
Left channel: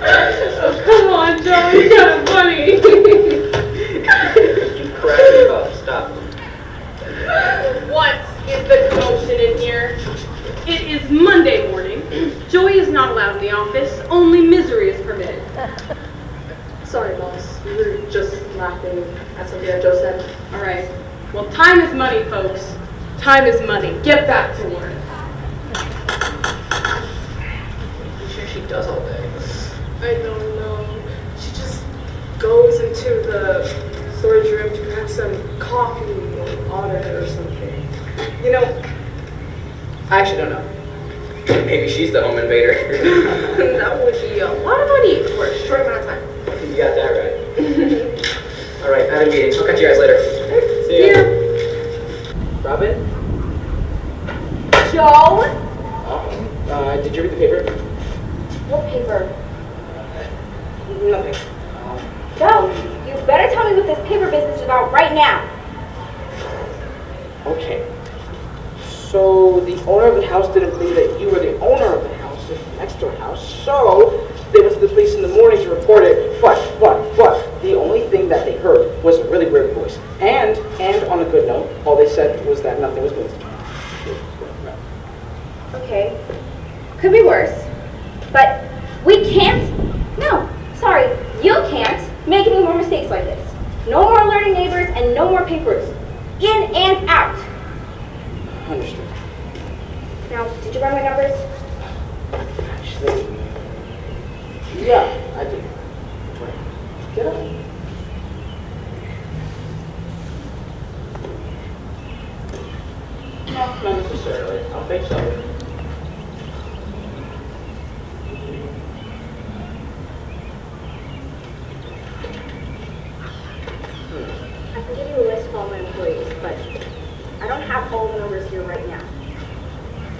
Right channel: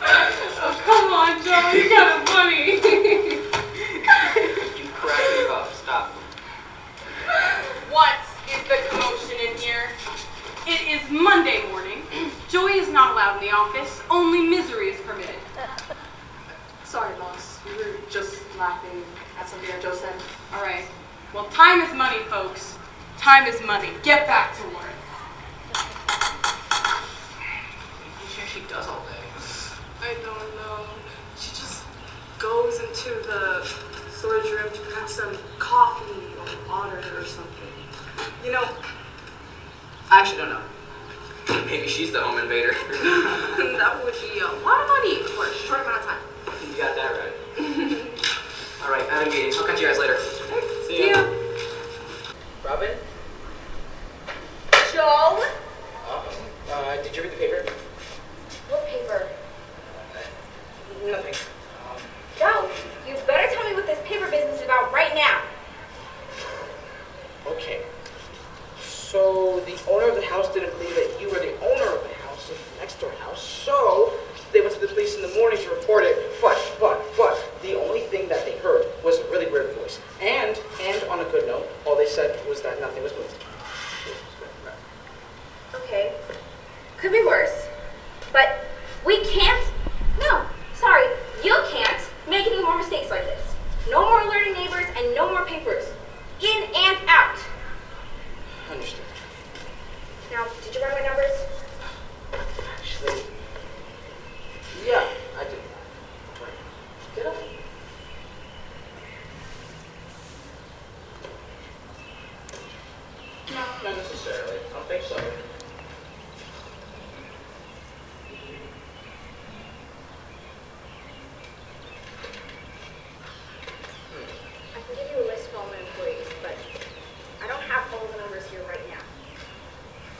Oh, come on, Joe. You're kind of funny. You crack me up. Stop. What is the commotion in here? It is Monday morning. Joy is not allowed in the office. Only misery is permitted. Sorry, boss. We were just laughing at something that Joe said. All right. Well, time is money, folks. Time is money. Get back to work. I'm sure she does all day. I don't know. She just goes into the storage room to grab some coffee or water or something. You know, I actually don't know. Maybe she's the home invader. that would be a lot of money for a short amount of time. You got that right. All right, I have a meeting. I'll catch you guys later. See ya. Robin? Joe? Did you read the paper? What paper? Nothing. Joe, you better tell me what this paper business is about right now. Okay. So the owner of the house didn't believe that you were the owner of the house, the next door house. So they went to the police in the morning to report it. But the only thing that they heard was a really weird voice. And on a good note, all they said was that nothing was moved. Okay. Could be worse. But we can't. No, sorry. You can't make any more mistakes like this. No more alerting neighbors and no more papers. In and out. Understood. Now, did you run my numbers? Actually, yeah, I did. Wait, get up. No, not necessarily. I don't think so. I can give you a list of all my employees, but I don't have all the numbers here right now.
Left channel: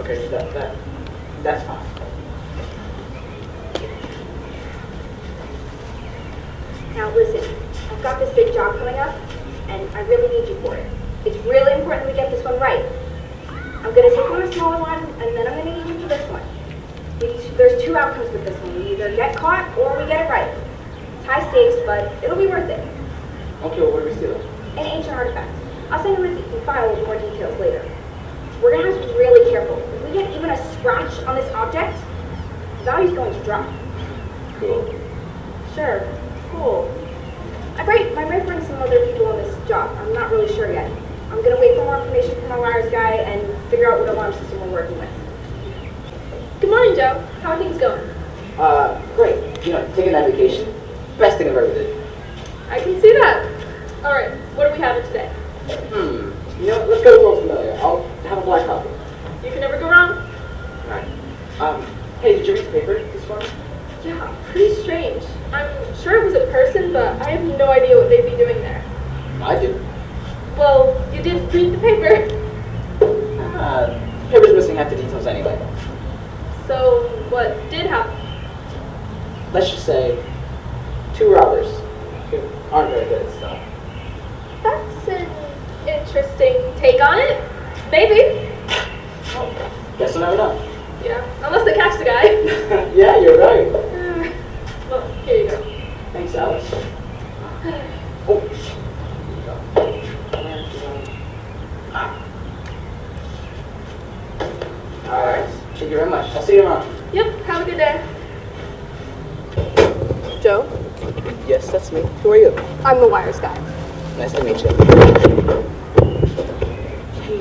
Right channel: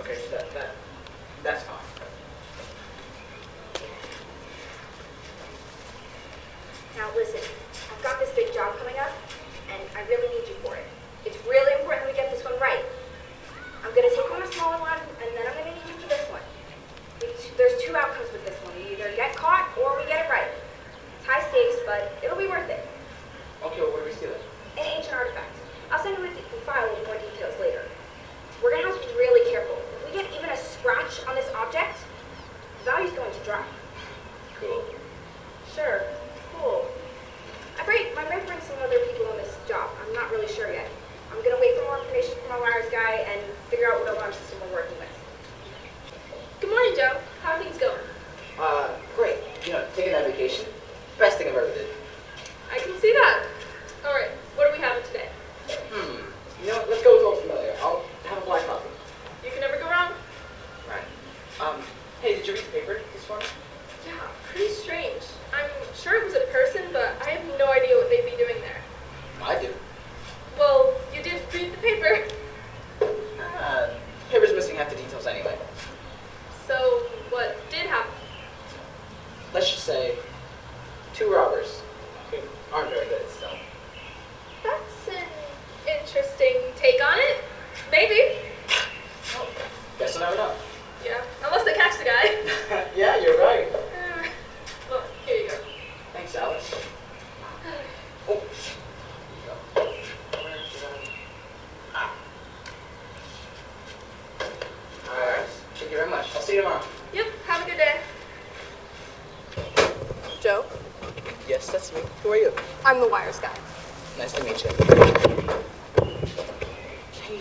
Okay, that's fine. Now listen, I've got this big job coming up, and I really need you for it. It's really important that we get this one right. I'm going to take on a smaller one, and then I'm going to need you for this one. There's two outcomes with this one. We either get caught, or we get it right. It's high stakes, but it'll be worth it. Okay, well, what are we stealing? An ancient artifact. I'll send you the file with more details later. We're going to have to be really careful. If we get even a scratch on this object, the value's going to drop. Cool. Sure. Cool. I might bring some other people on this job. I'm not really sure yet. I'm going to wait for more information from our wires guy and figure out what alarm system we're working with. Good morning, Joe. How are things going? Great. You know, taking that vacation, best thing I've ever did. I can see that. All right, what do we have today? You know, let's go to a little familiar. I'll have a black coffee. You can never go wrong. Alright. Hey, did you read the paper this morning? Yeah, pretty strange. I'm sure it was a person, but I have no idea what they'd be doing there. I did. Well, you did read the paper. Paper's missing half the details anyway. So, what did happen? Let's just say, 2 robbers who aren't very good at stuff. That's an interesting take on it. Maybe. Oh, guess we'll never know. Yeah, unless they catch the guy. Yeah, you're right. Well, here you go. Thanks, Alex. Oh. Alright, thank you very much. I'll see you tomorrow. Yep, have a good day. Joe, Yes, that's me. Who are you? I'm the wires guy. Nice to meet you. Hey,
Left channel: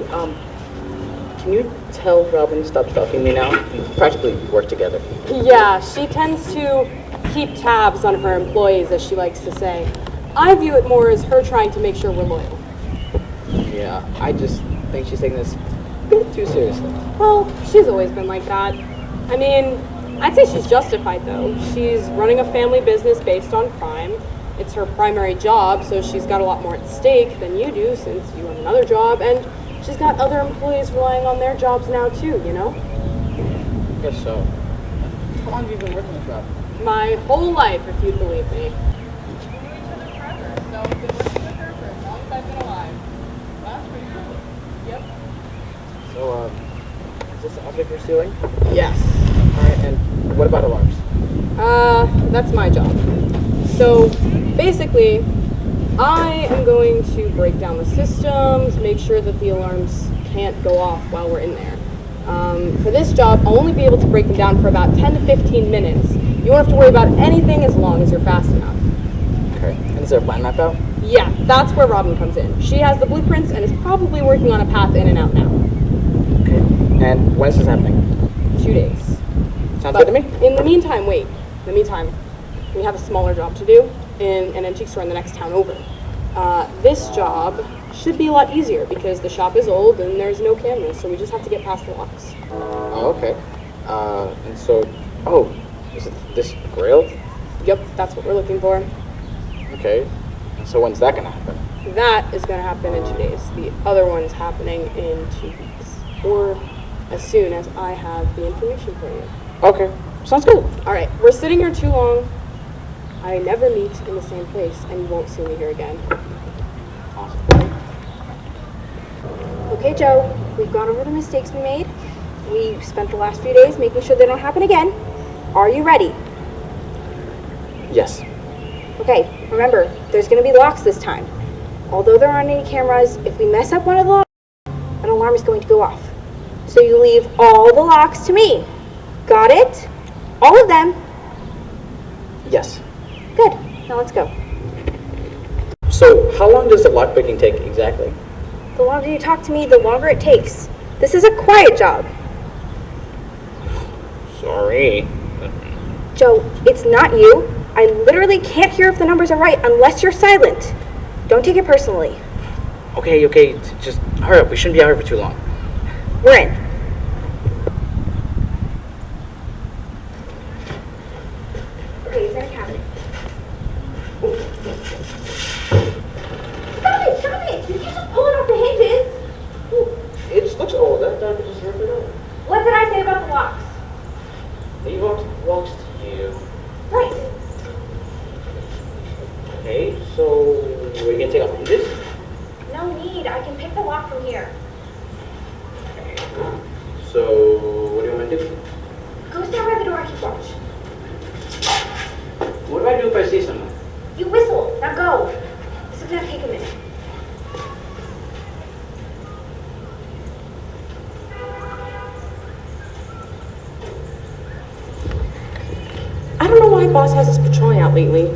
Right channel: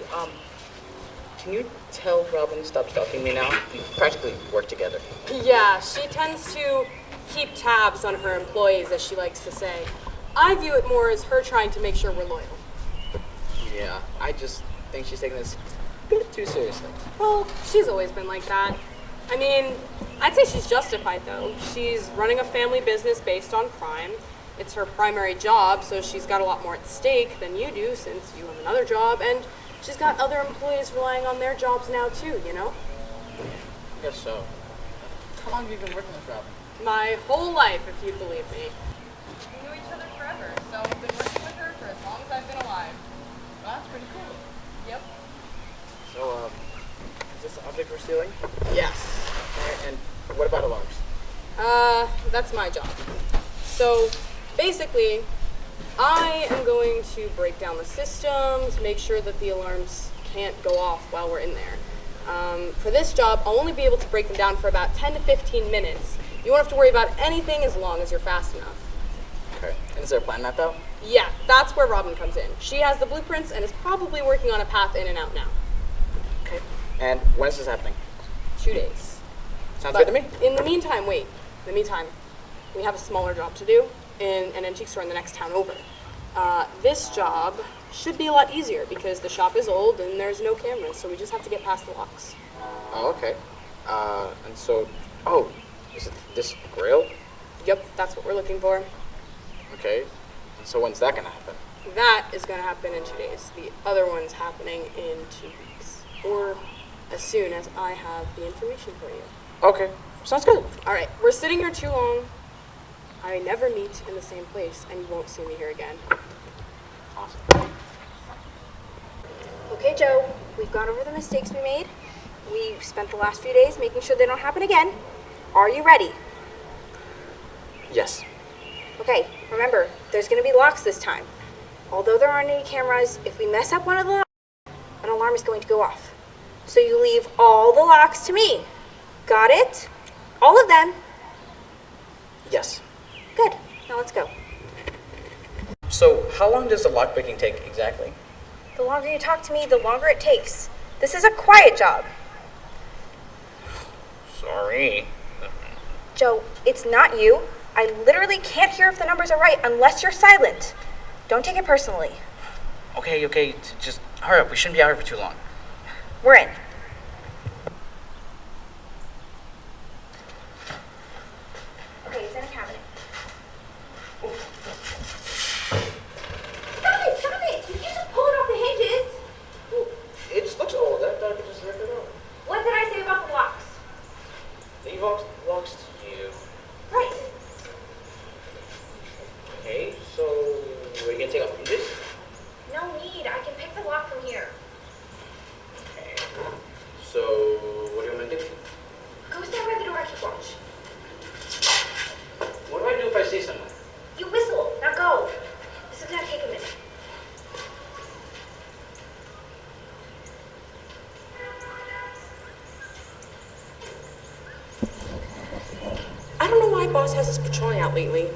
can you tell Robin to stop stalking me now? We practically work together. Yeah, she tends to keep tabs on her employees, as she likes to say. I view it more as her trying to make sure we're loyal. Yeah, I just think she's taking this a bit too seriously. Well, she's always been like that. I mean, I'd say she's justified, though. She's running a family business based on crime. It's her primary job, so she's got a lot more at stake than you do, since you have another job, and she's got other employees relying on their jobs now, too, you know? I guess so. How long have you been working this job? My whole life, if you believe me. So, is this the object we're stealing? Yes. Alright, and what about alarms? That's my job. So, basically, I am going to break down the systems, make sure that the alarms can't go off while we're in there. For this job, I'll only be able to break them down for about 10 to 15 minutes. You won't have to worry about anything as long as you're fast enough. Okay. And is there a plan mapped out? Yeah, that's where Robin comes in. She has the blueprints and is probably working on a path in and out now. Okay. And when is this happening? 2 days. Sounds But good to me. in the meantime, we have a smaller job to do in an antique store in the next town over. This job should be a lot easier because the shop is old and there's no cameras, so we just have to get past the locks. Oh, okay. And so, is it this grail? Yep, that's what we're looking for. Okay. And so when's that gonna happen? That is going to happen in 2 days. The other one's happening in 2 weeks. Or as soon as I have the information for you. Okay. Sounds good. All right, we're sitting here too long. I never meet in the same place, and you won't see me here again. Awesome. Okay, Joe, we've gone over the mistakes we made. We spent the last few days making sure they don't happen again. Are you ready? Yes. Okay, remember, there's going to be locks this time. Although there aren't any cameras, if we mess up one of the locks, an alarm is going to go off. So you leave all the locks to me. Got it? All of them. Yes. Good. Now let's go. So, how long does the lockpicking take exactly? The longer you talk to me, the longer it takes. This is a quiet job. Sorry. Joe, it's not you. I literally can't hear if the numbers are right unless you're silent. Don't take it personally. Okay, just hurry up. We shouldn't be out here for too long. We're in. Okay, it's in a cabinet. Stop it! Did you just pull it off the hinges? It just looks old. That would just rip it up. What did I say about the locks? He walks to you. Right. Okay, so are you gonna take off the hinges? No need. I can pick the lock from here. So what do you want me to do? Go stand by the door and keep watch. What do I do if I see someone? You whistle. Now go. This is gonna take a minute. I don't know why boss has us patrolling out lately.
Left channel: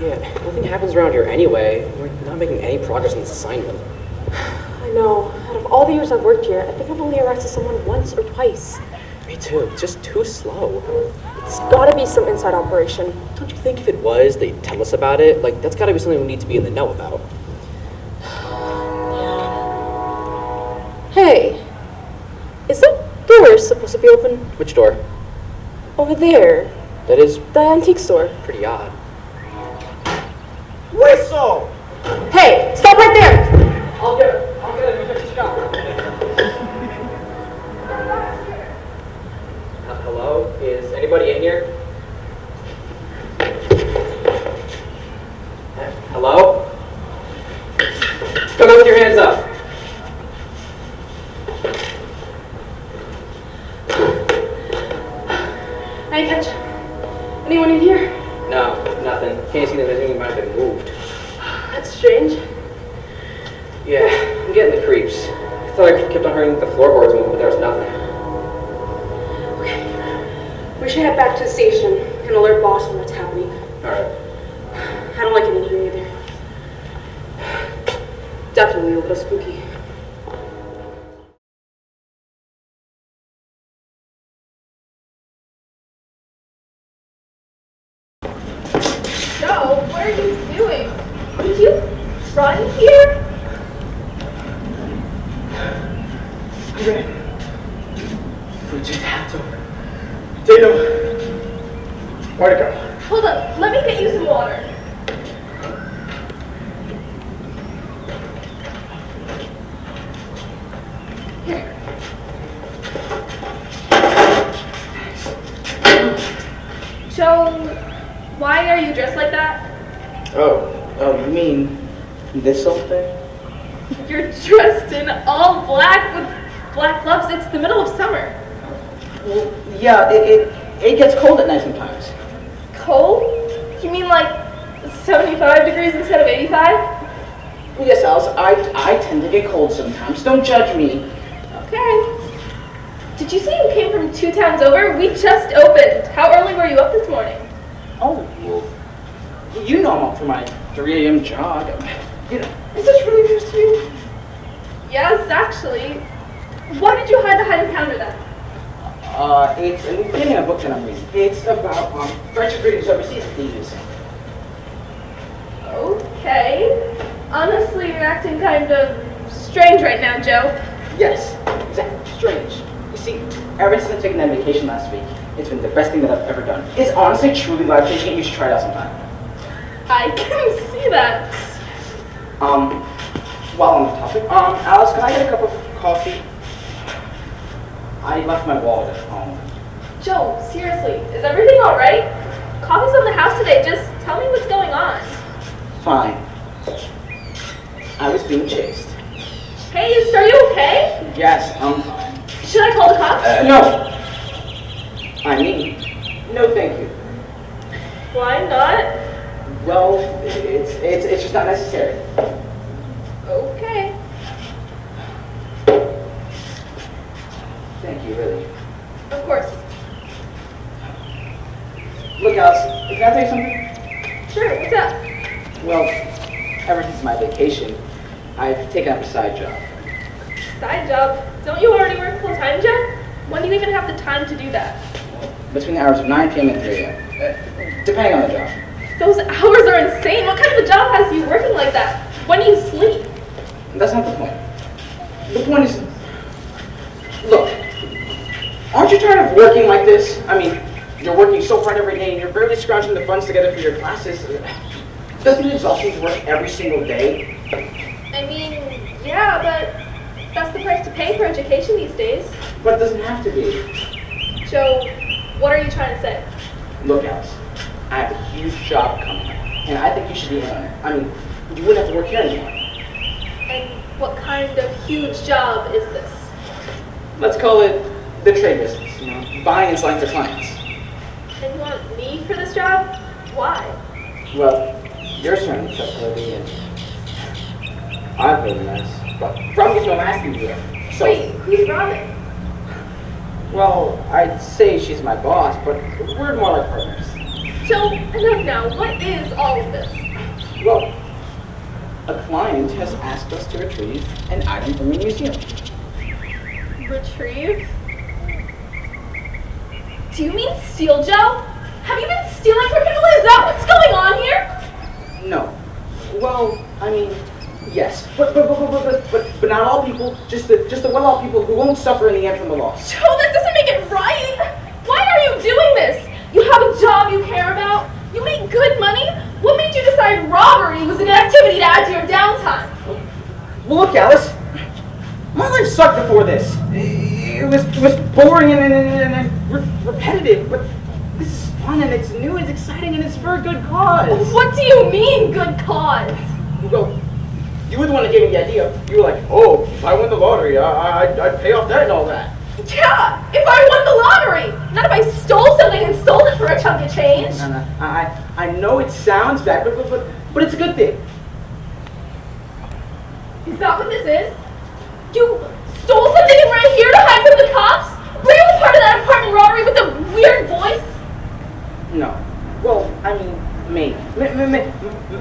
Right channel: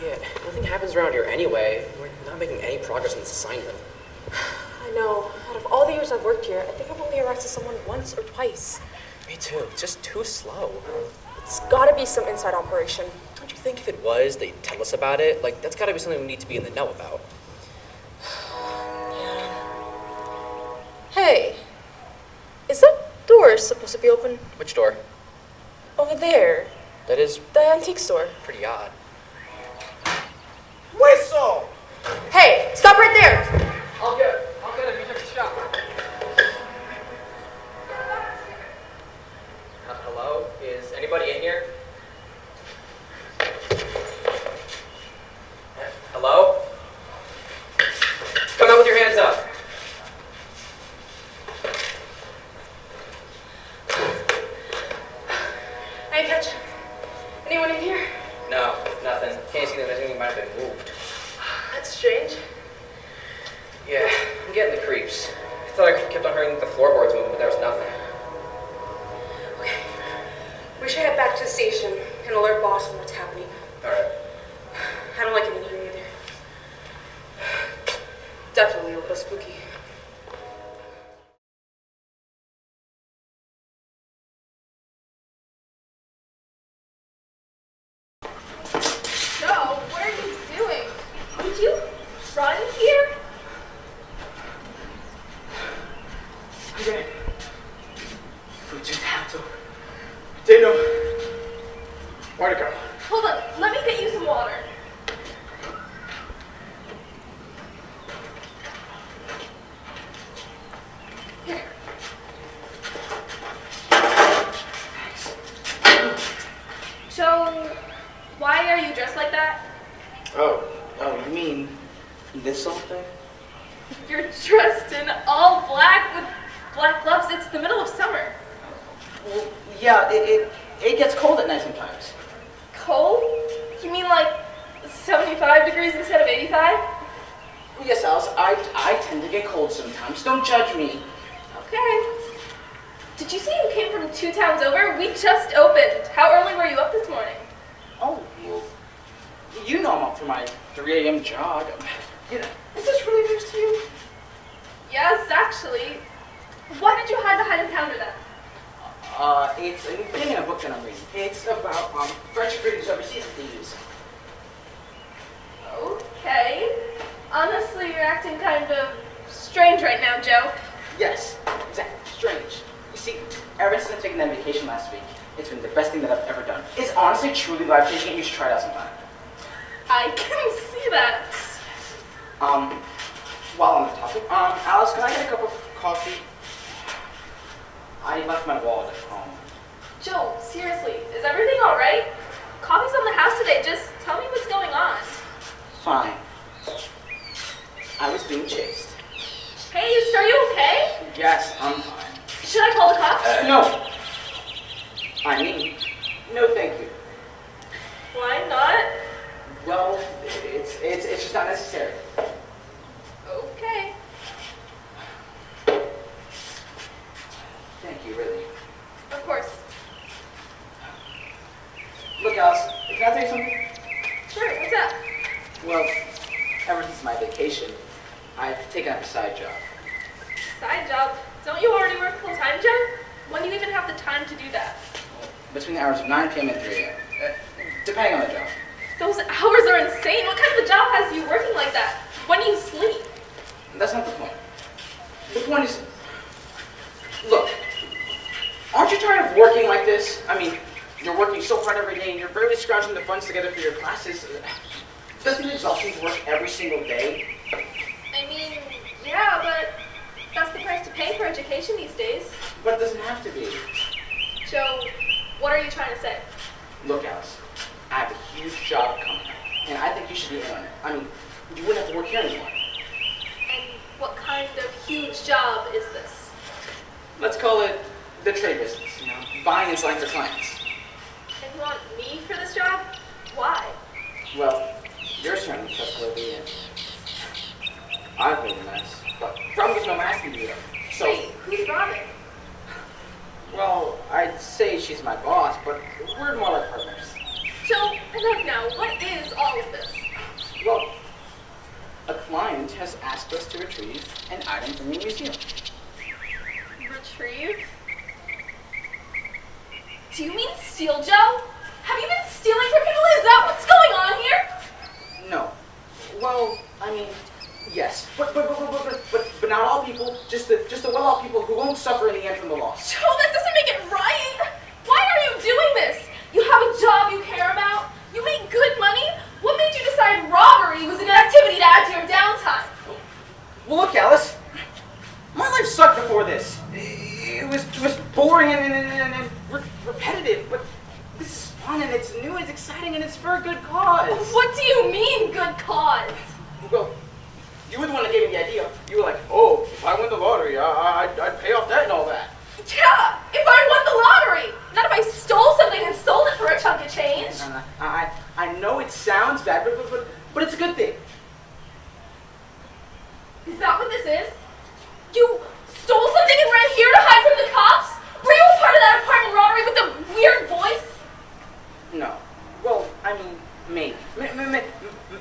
Yeah, nothing happens around here anyway. We're not making any progress on this assignment. I know. Out of all the years I've worked here, I think I've only arrested someone once or twice. Me too. It's just too slow. It's gotta be some inside operation. Don't you think if it was, they'd tell us about it? Like, that's gotta be something we need to be in the know about. Hey, is that door supposed to be open? Which door? Over there. That is The antique store. pretty odd. Whistle! Hey, stop right there! I'll get it. Let me fix this job. Hello? Is anybody in here? Hello? Come out with your hands up. Hey, catch. Anyone in here? No, nothing. Can't see that anything might have been moved. That's strange. Yeah, I'm getting the creeps. I thought I kept on hearing the floorboards move, but there was nothing. Okay. We should head back to the station and alert boss on what's happening. Alright. I don't like it in here either. Definitely a little spooky. Joe, what are you doing? Did you run here? We just had to. Didn't know where to go. Hold on, let me get you some water. Here. Joe, why are you dressed like that? Oh, you mean this whole thing? You're dressed in all black with black gloves. It's the middle of summer. Well, yeah, it gets cold at night sometimes. Cold? You mean like 75 degrees instead of 85? Yes, Alice, I tend to get cold sometimes. Don't judge me. Okay. Did you say you came from 2 towns over? We just opened. How early were you up this morning? Oh, well, you know I'm up for my 3 a.m. jog. You know, is this really news to you? Yes, actually. Why did you hide the hidden counter then? It's in a book that I'm reading. It's about French greetings overseas that they use. Okay. Honestly, you're acting kind of strange right now, Joe. Yes, exactly. Strange. You see, ever since taking that vacation last week, it's been the best thing that I've ever done. It's honestly, truly life-changing, and you should try it out sometime. I can see that. While on the topic, Alice, can I get a cup of coffee? I left my wallet at home. Joe, seriously, is everything all right? Coffee's on the house today. Just tell me what's going on. Fine. I was being chased. Chased? Are you okay? Yes, I'm fine. Should I call the cops? No. I mean, no thank you. Why not? Well, it's just not necessary. Okay. Thank you, really. Of course. Look, Alice, can I tell you something? Sure, what's up? Well, ever since my vacation, I've taken up a side job. Side job? Don't you already work full-time, Joe? When do you even have the time to do that? Between the hours of 9 p.m. and 3 a.m. Depending on the job. Those hours are insane. What kind of a job has you working like that? When do you sleep? That's not the point. The point is, look, aren't you tired of working like this? I mean, you're working so hard every day and you're barely scrounging the funds together for your classes. Doesn't it exhaust you to work every single day? I mean, yeah, but that's the price to pay for education these days. But it doesn't have to be. Joe, what are you trying to say? Look, Alice, I have a huge job coming, and I think you should be in on it. I mean, you wouldn't have to work here anymore. And what kind of huge job is this? Let's call it the trade business, you know, buying and selling to clients. And you want me for this job? Why? Well, you're certainly trustworthy, and I'm really nice, but from you, I'm asking you. So, Wait, who's Robin? well, I'd say she's my boss, but we're more like partners. Joe, enough now. What is all of this? Well, a client has asked us to retrieve an item from the museum. Retrieve? Do you mean steal, Joe? Have you been stealing from people? Is that what's going on here? No. Well, I mean, yes, but not all people. Just the well-off people who won't suffer in the end from the loss. Joe, that doesn't make it right. Why are you doing this? You have a job you care about. You make good money. What made you decide robbery was an activity to add to your downtime? Well, look, Alice. My life sucked before this. It was boring and repetitive, but this is fun and it's new, it's exciting, and it's for a good cause. What do you mean, good cause? Well, you were the one that gave me the idea. You were like, oh, if I win the lottery, I'd pay off debt and all that. Yeah, if I won the lottery. Not if I stole something and sold it for a chunk of change. No, I know it sounds bad, but it's a good thing. Is that what this is? You stole something and right here to hide from the cops? Were you a part of that apartment robbery with a weird voice? No. Well, I mean,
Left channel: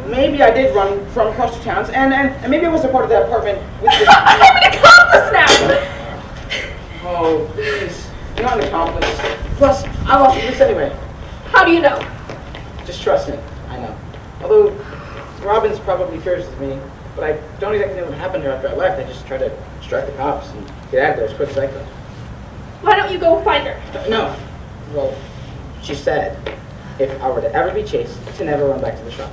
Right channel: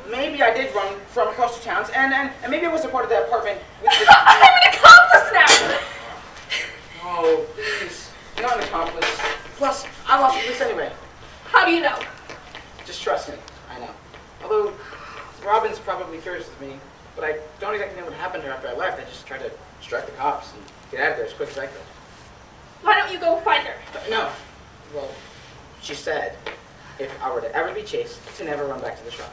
maybe I did run from across the towns, and maybe I was a part of that apartment with the... I'm an accomplice now! Oh, please. I'm not an accomplice. Plus, I lost this anyway. How do you know? Just trust me. I know. Although, Robin's probably furious with me, but I don't exactly know what happened to her after I left. I just tried to distract the cops and get out of there as quick as I could. Why don't you go find her? No. Well, she said if I were to ever be chased, to never run back to the shop.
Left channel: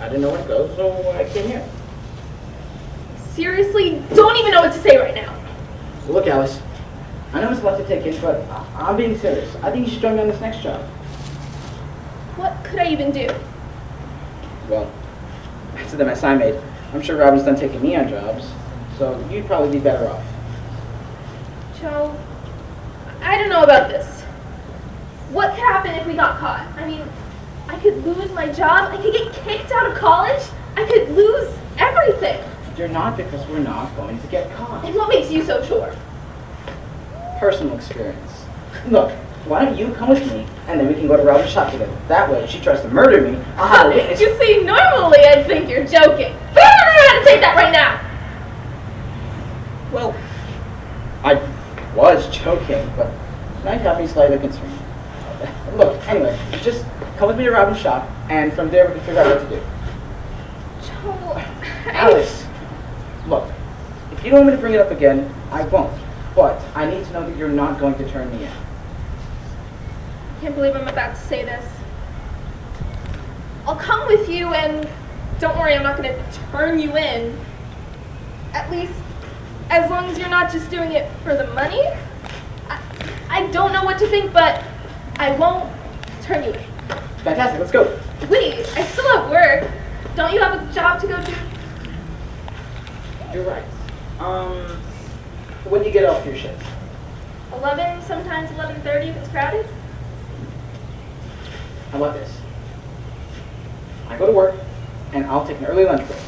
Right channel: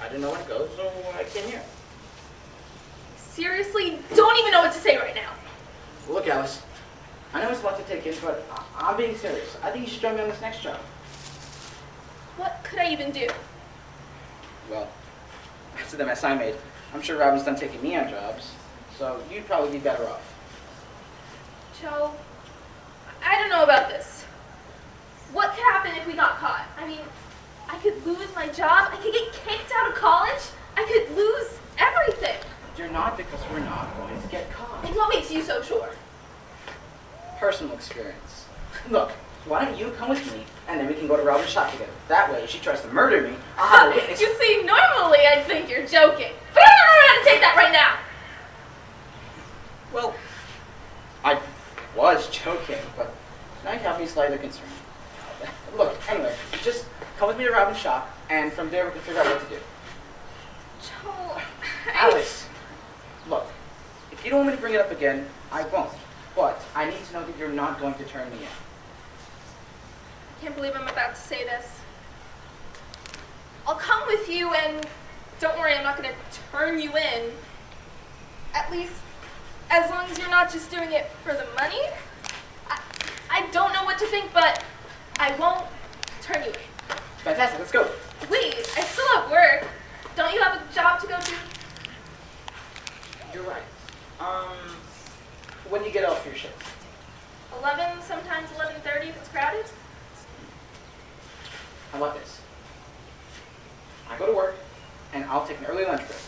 I didn't know where to go, so I came here. Seriously, don't even know what to say right now. Look, Alice, I know it's a lot to take in, but I'm being serious. I think you should join me on this next job. What could I even do? Well, after the mess I made, I'm sure Robin's done taking me on jobs, so you'd probably be better off. Joe, I don't know about this. What could happen if we got caught? I mean, I could lose my job, I could get kicked out of college, I could lose everything. You're not, because we're not going to get caught. And what makes you so sure? Personal experience. Look, why don't you come with me, and then we can go to Robin's shop together. That way, if she tries to murder me, I'll have a witness. You see, normally I'd think you're joking. But I don't know how to take that right now. Well, I was joking, but now you have me slightly concerned. Look, anyway, just come with me to Robin's shop, and from there we can figure out what to do. Joe, Alice, look, if you don't want me to bring it up again, I won't. But I need to know that you're not going to turn me in. I can't believe I'm about to say this. I'll come with you, and don't worry, I'm not going to turn you in. At least, as long as you're not just doing it for the money. I don't know what to think, but I won't turn you in. Fantastic, let's go. Wait, I still have work. Don't you have a job to go to? You're right. When do you get off your shift? 11, sometimes 11:30 if it's crowded. How about this? I go to work, and I'll take an early lunch break.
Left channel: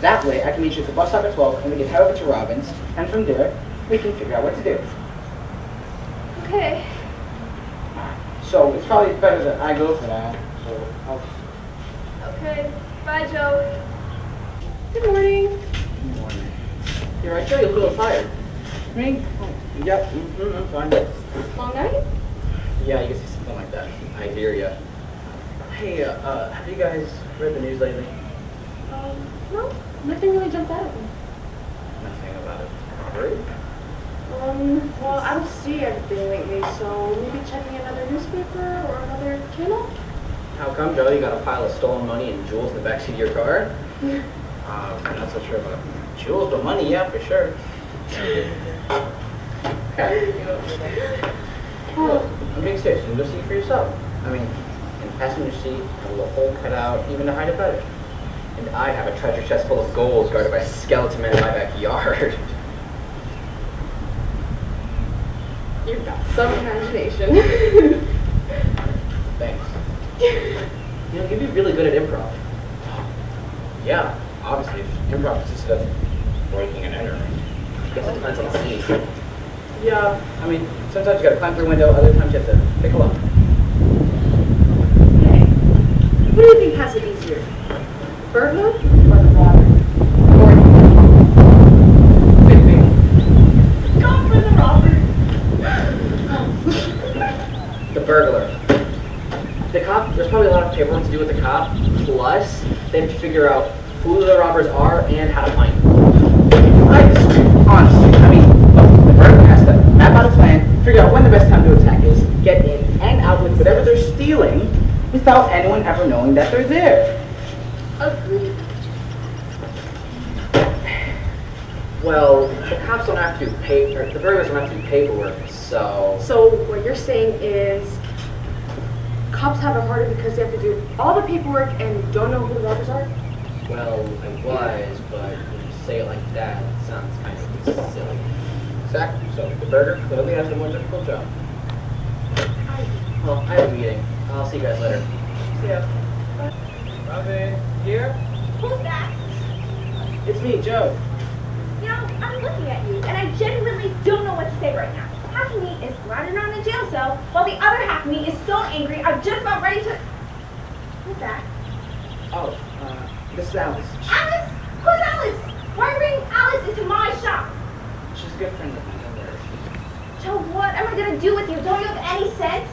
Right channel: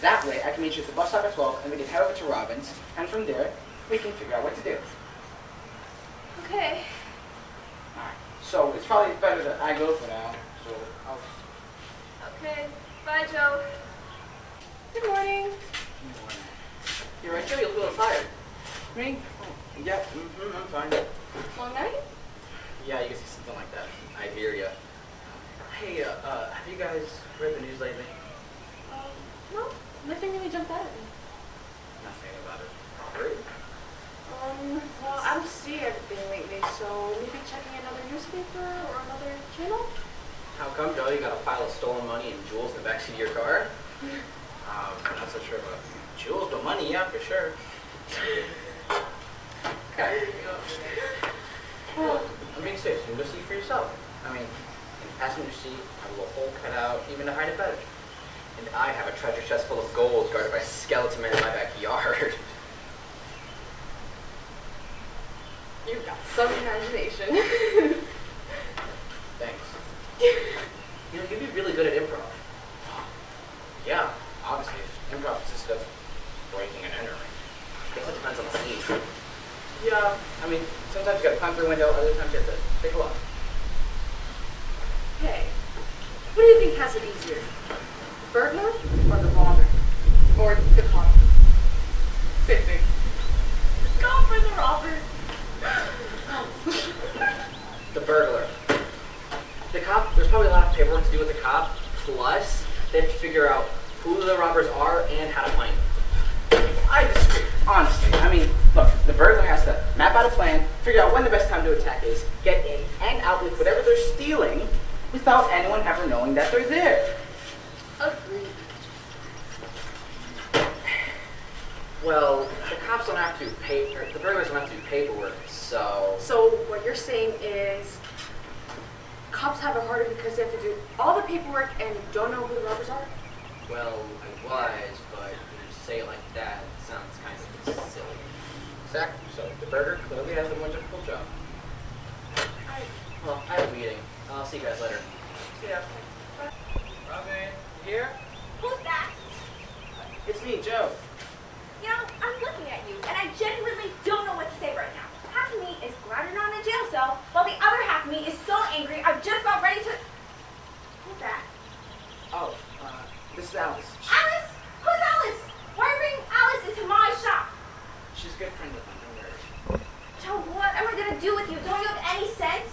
That way, I can meet you at the bus stop at 12, and we can head over to Robin's, and from there, we can figure out what to do. Okay. So, it's probably better that I go for now, so I'll... Okay. Bye, Joe. Good morning. Good morning. You're right, Joe, you look a little fired. Me? Yep, I'm fine. Long night? Yeah, you can see something like that. I hear ya. Hey, have you guys read the news lately? No, nothing really jumped out at me. Nothing about it. Hurry? Well, I don't see everything lately, so maybe checking another newspaper or another channel? How come, Joe? You got a pile of stolen money and jewels in the backseat of your car? Yeah. I'm not so sure about jewels, but money, yeah, for sure. Okay. Look, I'm being serious. You can go see for yourself. I mean, in the passenger seat, a little hole cut out, even to hide it better. And I have a treasure chest full of gold guarded by skeleton men in my backyard. You've got some imagination. Thanks. You know, you'd be really good at improv. Yeah, obviously, if improv consisted of breaking and entering. I guess it depends on the scene. Yeah, I mean, sometimes you gotta climb through a window, other times you have to pick a lock. Hey, what do you think has it easier? Burglar or the robber? Same thing. Go for the robber. The burglar. The cop, there's probably a lot of paperwork to do with the cop, plus they have to figure out who the robbers are and how to find them. Honestly, I mean, look, the burglar has to map out a plan, figure out when the best time to attack is, get in and out with whatever they're stealing without anyone ever knowing that they're there. Agreed. Well, the cops don't have to do paper, the burglars don't have to do paperwork, so... So what you're saying is cops have it harder because they have to do all the paperwork and don't know who the robbers are? Well, I was, but when you say it like that, it sounds kind of silly. Exactly. So the burger clearly has the more difficult job. Well, I have a meeting. I'll see you guys later. See ya. Robin, here? Who's that? It's me, Joe. You know, I'm looking at you, and I genuinely don't know what to say right now. Half of me is glad you're not in a jail cell, while the other half of me is so angry I'm just about ready to... Who's that? Oh, this is Alice. Alice? Who's Alice? Why are you bringing Alice into my shop? She's a good friend of mine, don't worry. Joe, what am I gonna do with you? Don't you have any sense?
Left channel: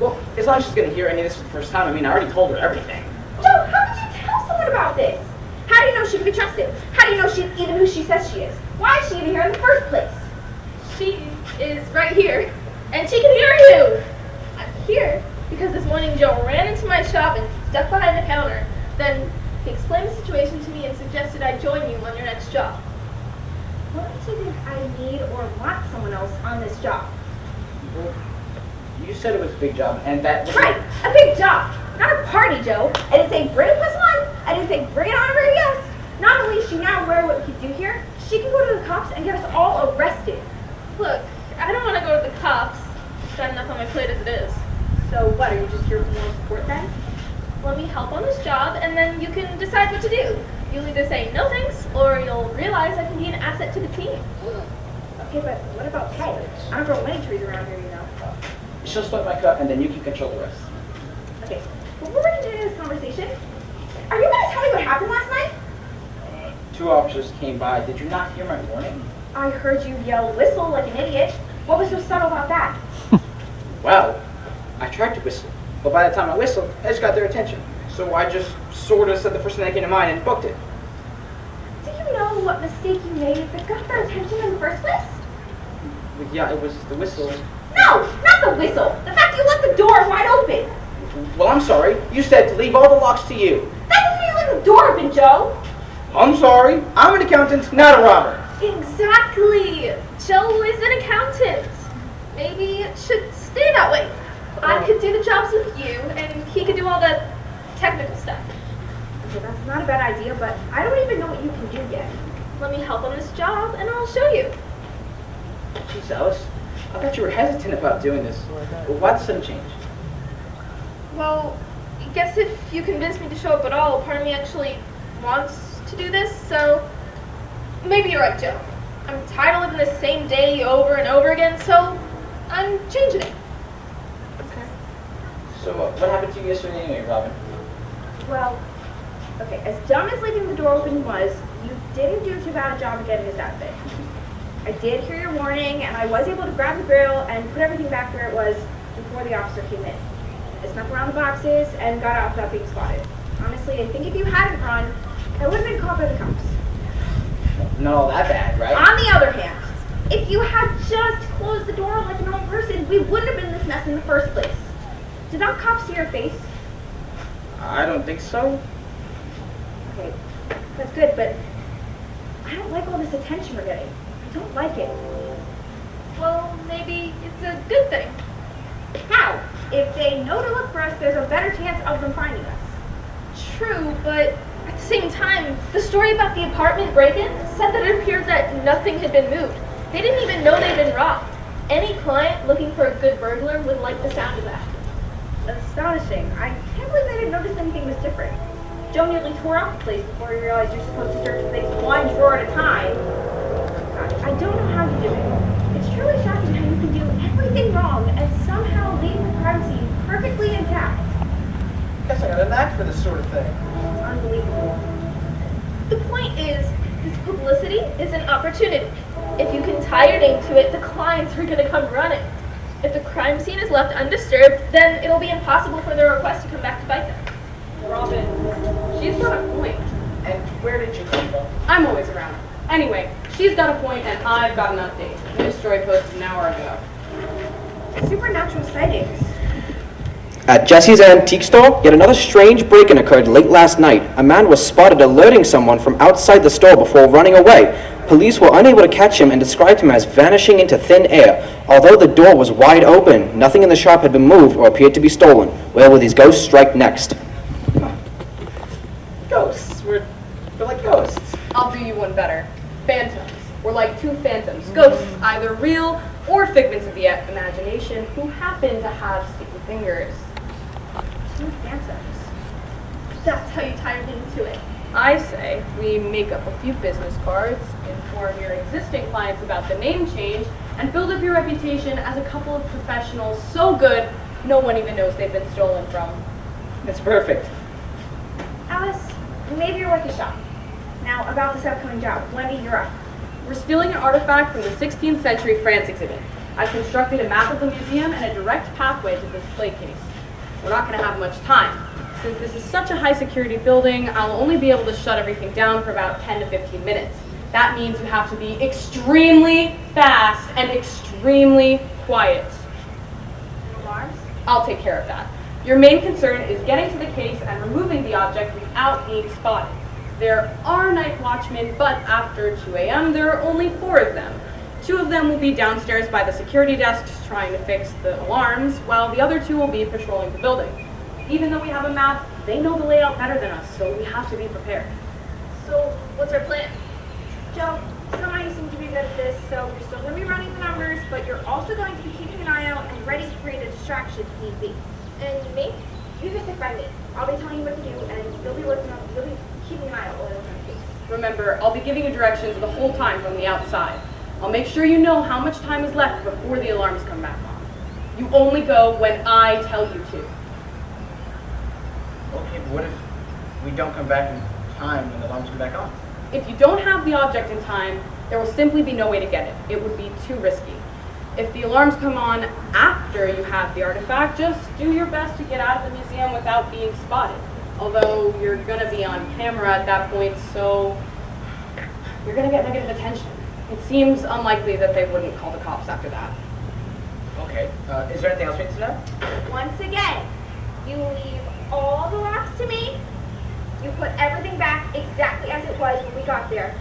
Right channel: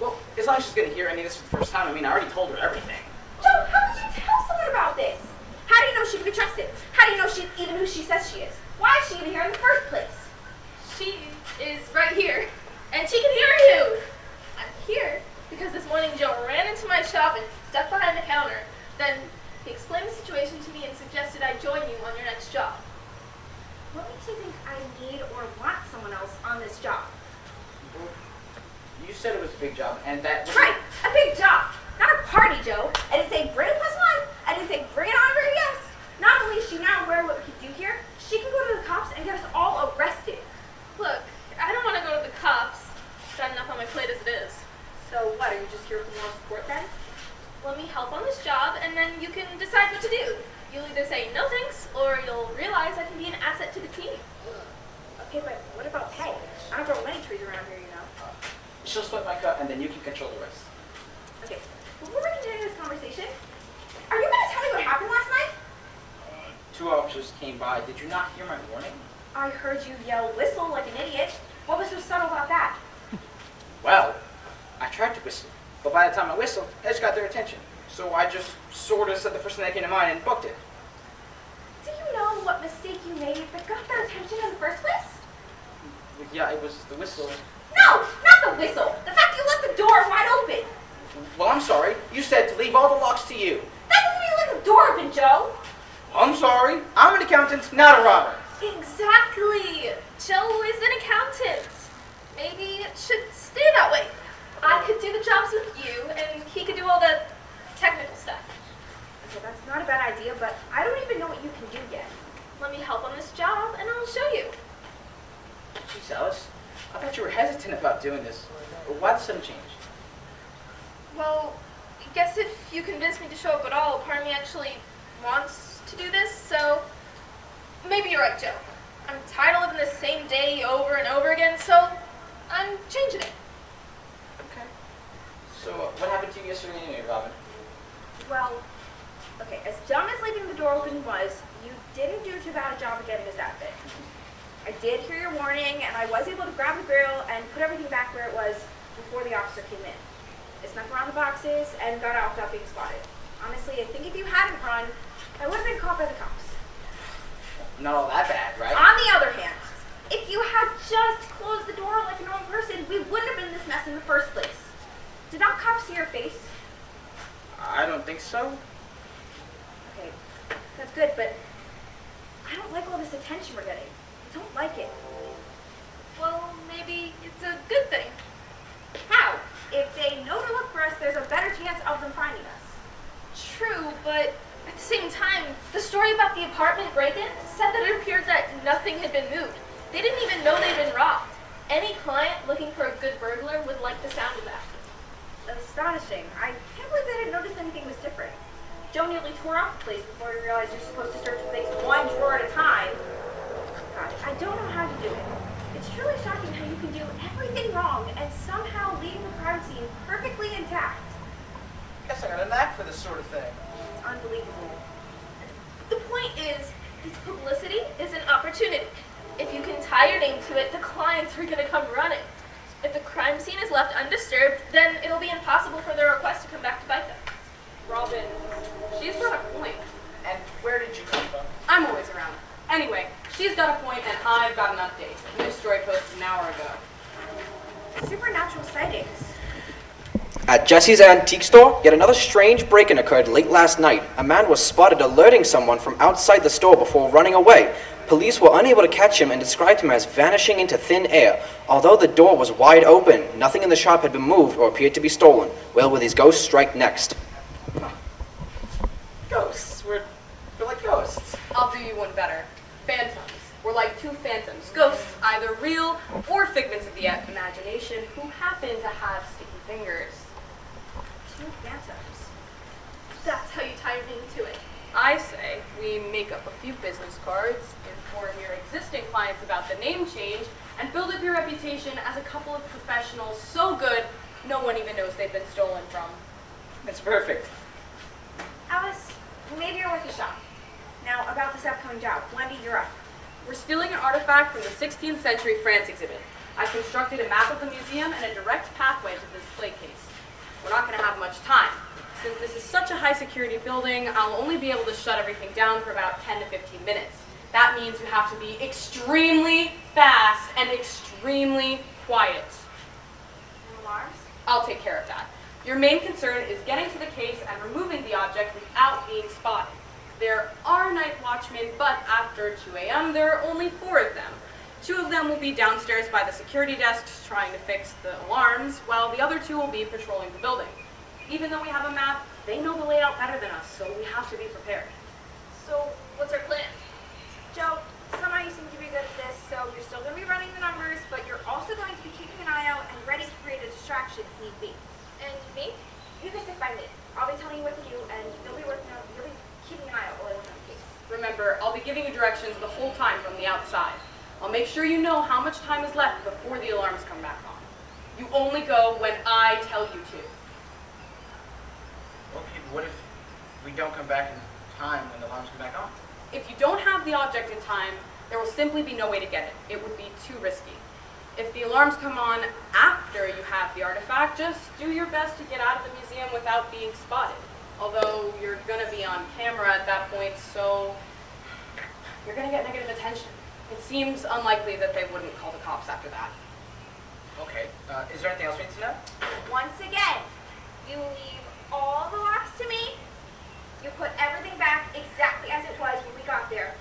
Well, as long as she's gonna hear any of this for the first time, I mean, I already told her everything. Joe, how could you tell someone about this? How do you know she can be trusted? How do you know she's even who she says she is? Why is she even here in the first place? She is right here, and she can hear you. I'm here because this morning Joe ran into my shop and stepped behind the counter. Then he explained the situation to me and suggested I join you on your next job. What makes you think I need or want someone else on this job? Well, you said it was a big job, and that... Right, a big job. Not Joe. I didn't say bring a +1. I didn't say bring it on everybody else. Not only is she now aware of what we can do here, she can go to the cops and get us all arrested. Look, I don't want to go to the cops. I've got enough on my plate as it is. So what, are you just here for moral support then? Let me help on this job, and then you can decide what to do. You'll either say no thanks, or you'll realize I can be an asset to the team. Okay, but what about pay? I don't grow many trees around here, you know. She'll split my cut, and then you can control the rest. Okay, before we continue this conversation, are you going to tell me what happened last night? 2 officers came by. Did you not hear my warning? I heard you yell whistle like an idiot. What was so subtle about that? Well, I tried to whistle, but by the time I whistled, I just got their attention. So I just sort of said the first thing that came to mind and booked it. Do you know what mistake you made that got their attention in the first place? But yeah, it was the whistle. No, not the whistle. The fact you left the door wide open. Well, I'm sorry. You said to leave all the locks to you. That doesn't mean you left the door open, Joe. I'm sorry. I'm an accountant, not a robber. Exactly. Joe is an accountant. Maybe it should stay that way. I could do the jobs with you, and he could do all the technical stuff. Okay, that's not a bad idea, but I don't even know what you can do yet. Let me help on this job, and I'll show you. Geez, Alice. I thought you were hesitant about doing this. Why the sudden change? Well, I guess if you convince me to show up at all, part of me actually wants to do this, so maybe you're right, Joe. I'm tired of living the same day over and over again, so I'm changing it. Okay. So what happened to you yesterday anyway, Robin? Well, okay, as dumb as leaving the door open was, you didn't do too bad a job of getting this outfit. I did hear your warning, and I was able to grab the grill and put everything back where it was before the officer came in. I snuck around the boxes and got out without being spotted. Honestly, I think if you hadn't run, I would have been caught by the cops. Not all that bad, right? On the other hand, if you had just closed the door like a normal person, we wouldn't have been in this mess in the first place. Did that cop see your face? I don't think so. Okay, that's good, but I don't like all this attention we're getting. I don't like it. Well, maybe it's a good thing. How? If they know to look for us, there's a better chance of them finding us. True, but at the same time, the story about the apartment break-in said that it appeared that nothing had been moved. They didn't even know they'd been robbed. Any client looking for a good burglar would like the sound of that. Astonishing. I can't believe they didn't notice anything was different. Joe nearly tore up the place before he realized you're supposed to search things one drawer at a time. I don't know how you do it. It's truly shocking how you can do everything wrong and somehow leave the crime scene perfectly intact. Guess I got a knack for this sort of thing. It's unbelievable. The point is, this publicity is an opportunity. If you can tie your name to it, the clients are going to come running. If the crime scene is left undisturbed, then it'll be impossible for their request to come back to bite them. Robin, she's got a point. And where did you come from? I'm always around. Anyway, she's got a point and I've got an update. News story posted an hour ago. Supernatural sightings. At Jesse's antique store, yet another strange break-in occurred late last night. A man was spotted alerting someone from outside the store before running away. Police were unable to catch him and described him as vanishing into thin air. Although the door was wide open, nothing in the shop had been moved or appeared to be stolen. Where will these ghosts strike next? Ghosts. We're like ghosts. I'll do you one better. Phantoms. We're like two phantoms. Ghosts, either real or figments of the imagination, who happen to have sticky fingers. Two phantoms. That's how you tie me to it. I say we make up a few business cards, inform your existing clients about the name change, and build up your reputation as a couple of professionals so good no one even knows they've been stolen from. That's perfect. Alice, maybe you're worth a shot. Now, about this upcoming job. Wendy, you're up. We're stealing an artifact from the 16th century France exhibit. I've constructed a map of the museum and a direct pathway to the display case. We're not going to have much time. Since this is such a high security building, I'll only be able to shut everything down for about 10 to 15 minutes. That means you have to be extremely fast and extremely quiet. Alarms? I'll take care of that. Your main concern is getting to the case and removing the object without being spotted. There are night watchmen, but after 2 a.m. there are only 4 of them. 2 of them will be downstairs by the security desks trying to fix the alarms, while the other 2 will be patrolling the building. Even though we have a map, They know the layout better than us, so we have to be prepared. So, what's our plan? Joe, somehow you seem to be good at this, so you're still going to be running the numbers, but you're also going to be keeping an eye out and ready to create a distraction if need be. And me? You can stick by me. I'll be telling you what to do, and you'll be keeping an eye out while I work on the case. Remember, I'll be giving you directions the whole time from the outside. I'll make sure you know how much time is left before the alarms come back on. You only go when I tell you to. Okay, but what if we don't come back in time when the alarms come back on? If you don't have the object in time, there will simply be no way to get it. It would be too risky. If the alarms come on after you have the artifact, just do your best to get out of the museum without being spotted. Although you're gonna be on camera at that point, so you're gonna get negative attention. It seems unlikely that they wouldn't call the cops after that. Okay, is there anything else we need to know? Once again, you leave all the locks to me. You put everything back exactly as it was when we got there.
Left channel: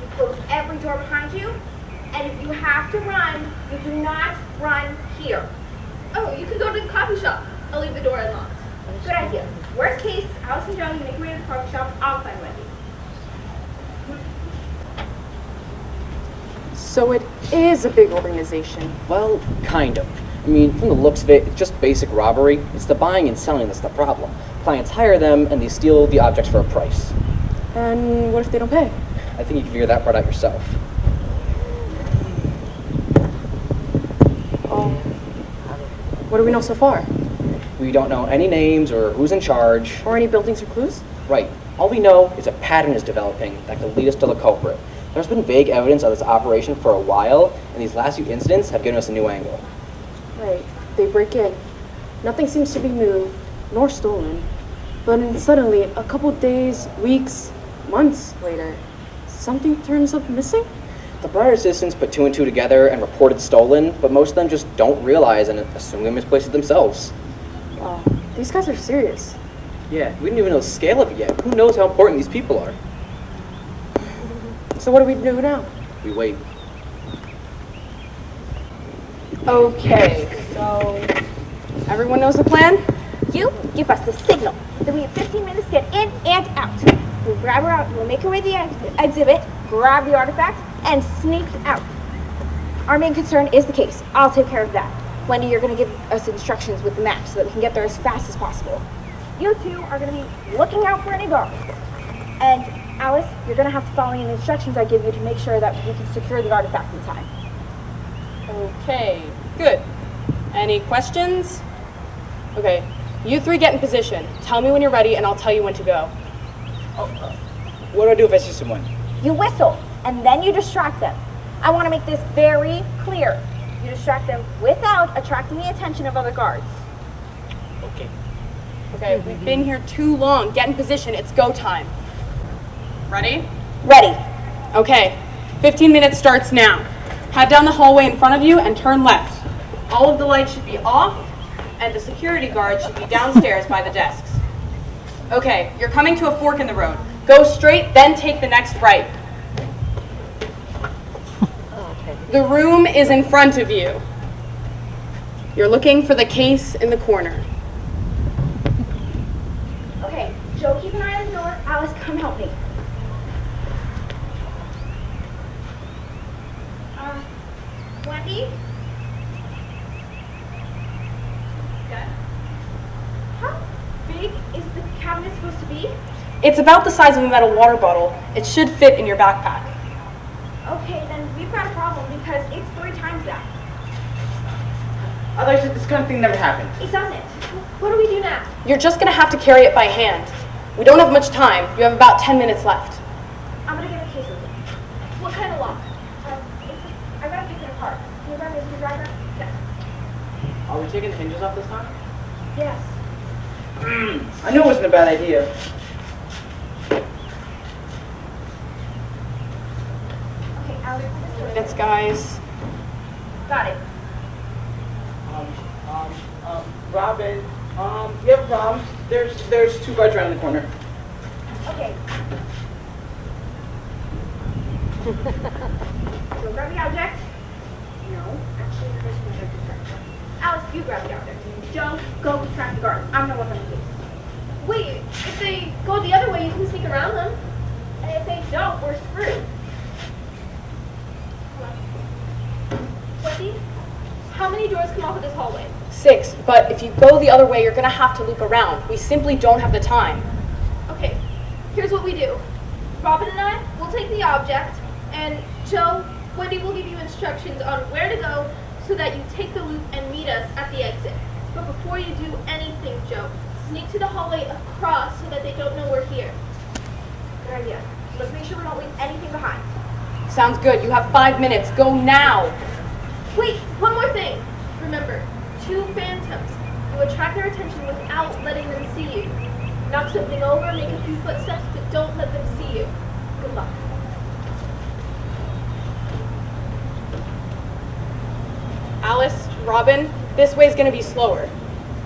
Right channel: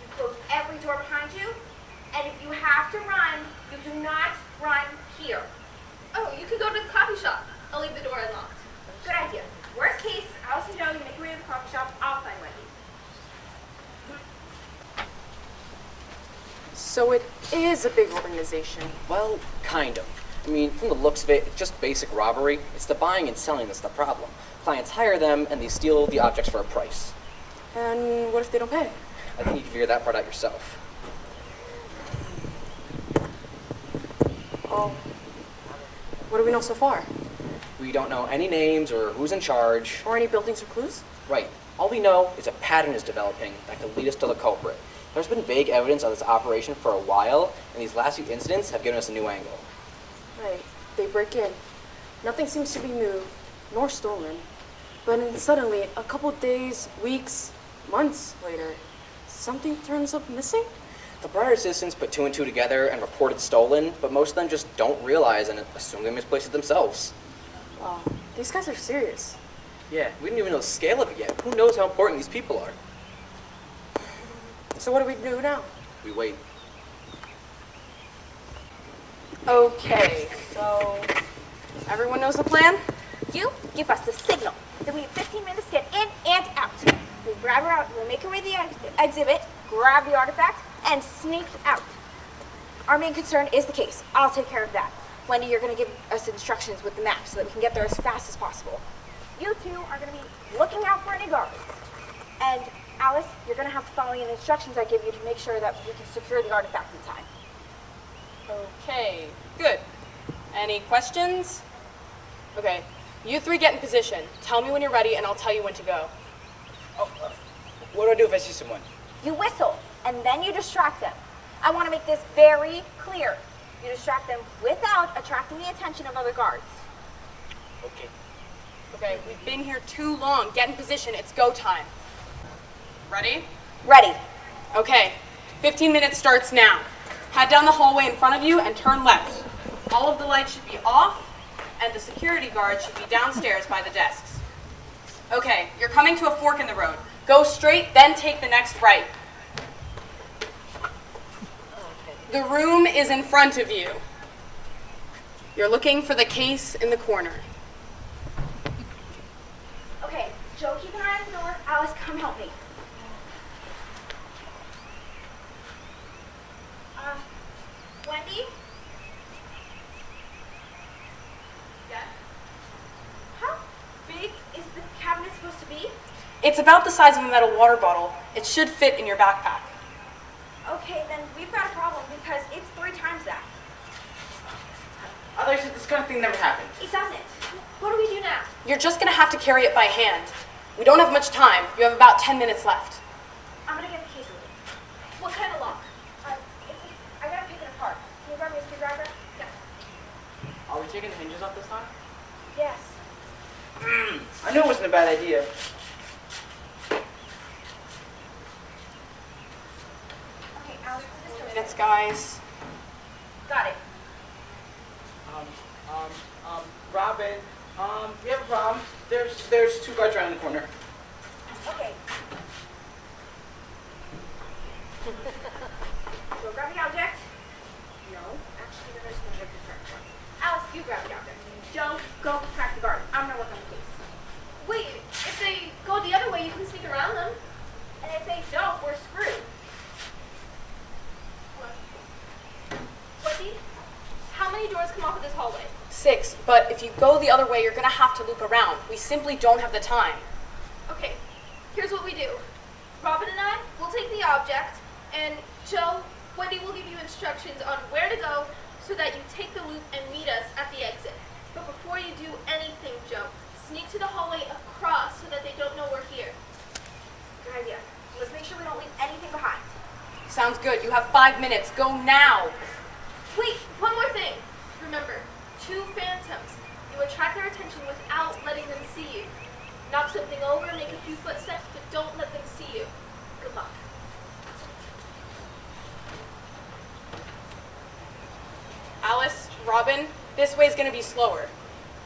You close every door behind you. And if you have to run, you do not run here. Oh, you can go to the coffee shop. I'll leave the door unlocked. Good idea. Worst case, Alice and Joe, you make your way to the coffee shop. I'll find Wendy. So it is a big organization. Well, kind of. I mean, from the looks of it, it's just basic robbery. It's the buying and selling that's the problem. Clients hire them, and they steal the objects for a price. And what if they don't pay? I think you can figure that part out yourself. What do we know so far? We don't know any names or who's in charge. Or any buildings or clues? Right. All we know is a pattern is developing that could lead us to the culprit. There's been vague evidence of this operation for a while, and these last few incidents have given us a new angle. Right. They break in. Nothing seems to be moved, nor stolen. But then suddenly, a couple days, weeks, months later, something turns up missing? The brighter citizens put two and two together and reported stolen, but most of them just don't realize and assume they misplaced it themselves. Wow, these guys are serious. Yeah, we don't even know the scale of it yet. Who knows how important these people are? So what do we do now? We wait. Okay, so everyone knows the plan? You give us the signal. Then we have 15 minutes to get in and out. We'll grab her out. We'll make her way to the exhibit, grab the artifact, and sneak out. Our main concern is the case. I'll take care of that. Wendy, you're going to give us instructions with the map so that we can get there as fast as possible. You two are going to be looking out for any guards. And Alice, you're going to have to follow the instructions I give you to make sure that we can secure the artifact in time. Okay, good. Any questions? Okay, you three get in position. Tell me when you're ready and I'll tell you when to go. What do I do if I see someone? You whistle, and then you distract them. I want to make this very clear. You distract them without attracting the attention of other guards. Okay. Okay, we've been here too long. Get in position, it's go time. Ready? Ready. Okay, 15 minutes starts now. Head down the hallway in front of you and turn left. All of the lights should be off, and the security guard should be downstairs by the desks. Okay, you're coming to a fork in the road. Go straight, then take the next right. The room is in front of you. You're looking for the case in the corner. Okay, Joe, keep an eye on the door. Alice, come help me. Wendy? How big is the cabinet supposed to be? It's about the size of a metal water bottle. It should fit in your backpack. Okay, then we've got a problem because it's 3 times that. I thought you said this kind of thing never happened. It doesn't. What do we do now? You're just gonna have to carry it by hand. We don't have much time. You have about 10 minutes left. I'm gonna get a case with it. What kind of lock? I gotta pick it apart. Can you grab me a screwdriver? Yeah. Are we taking the hinges off this time? Yes. I knew it wasn't a bad idea. Okay, Alex. Minutes, guys. Got it. Robin, we have a problem. There's 2 guards around the corner. Okay. So grab the object. No, actually, the person who took the track. Alex, you grab the object. Don't go track the guards. I'm gonna work on the case. sneak around them. And if they don't, we're screwed. Wendy, how many doors come off of this hallway? 6, but if you go the other way, you're gonna have to loop around. We simply don't have the time. Okay, here's what we do. Robin and I will take the object, and Joe, Wendy will give you instructions on where to go so that you take the loop and meet us at the exit. But before you do anything, Joe, sneak to the hallway across so that they don't know we're here. Good idea. Let's make sure we don't leave anything behind. Sounds good. You have 5 minutes. Go now. Wait, one more thing. Remember, 2 phantoms. You attract their attention without letting them see you. Knock something over, make a few footsteps, but don't let them see you. Good luck. Alice, Robin, this way's gonna be slower.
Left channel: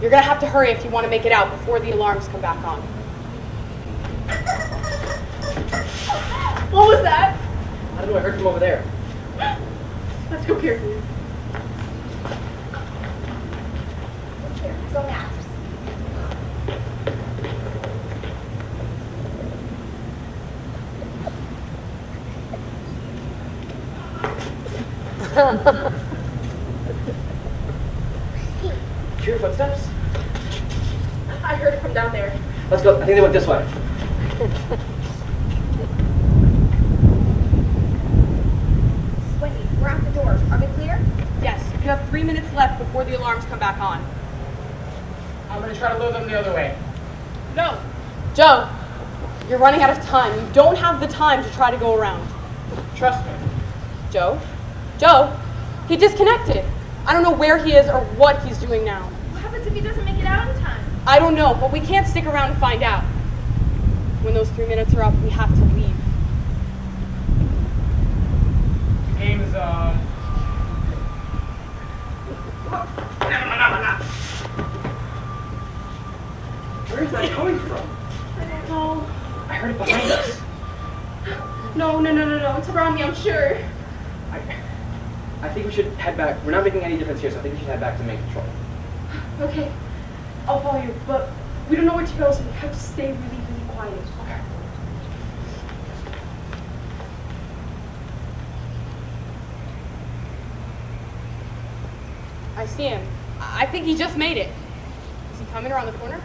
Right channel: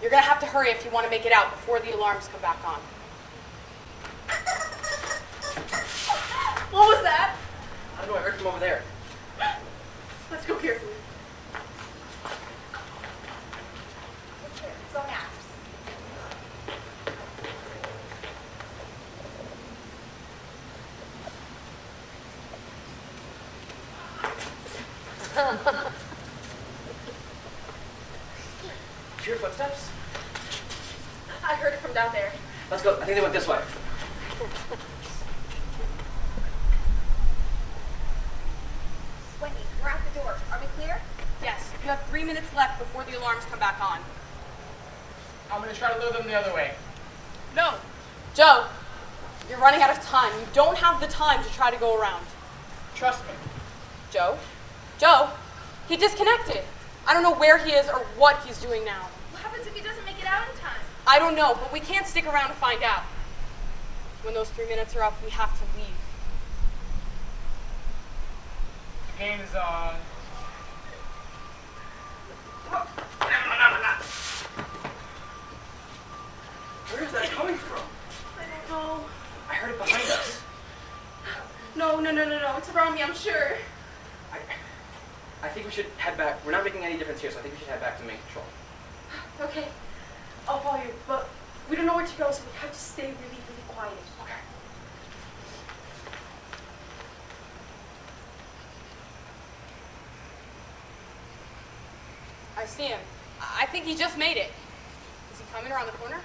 You're gonna have to hurry if you want to make it out before the alarms come back on. What was that? I don't know, I heard from over there. Let's go carefully. So now. Hear your footsteps? I heard it from down there. Let's go. I think they went this way. Wendy, we're at the door. Are we clear? Yes, you have 3 minutes left before the alarms come back on. I'm gonna try to lure them the other way. Go. Joe, you're running out of time. You don't have the time to try to go around. Trust me. Joe? Joe? He disconnected. I don't know where he is or what he's doing now. What happens if he doesn't make it out in time? I don't know, but we can't stick around and find out. When those 3 minutes are up, we have to leave. The game is on. Where is that coming from? No. I heard it behind us. No. It's around me, I'm sure. I think we should head back. We're not making any difference here, so I think we should head back to main control. Okay, I'll follow you, but we don't know where to go, so we have to stay really quiet. I see him. I think he just made it. Is he coming around the corner?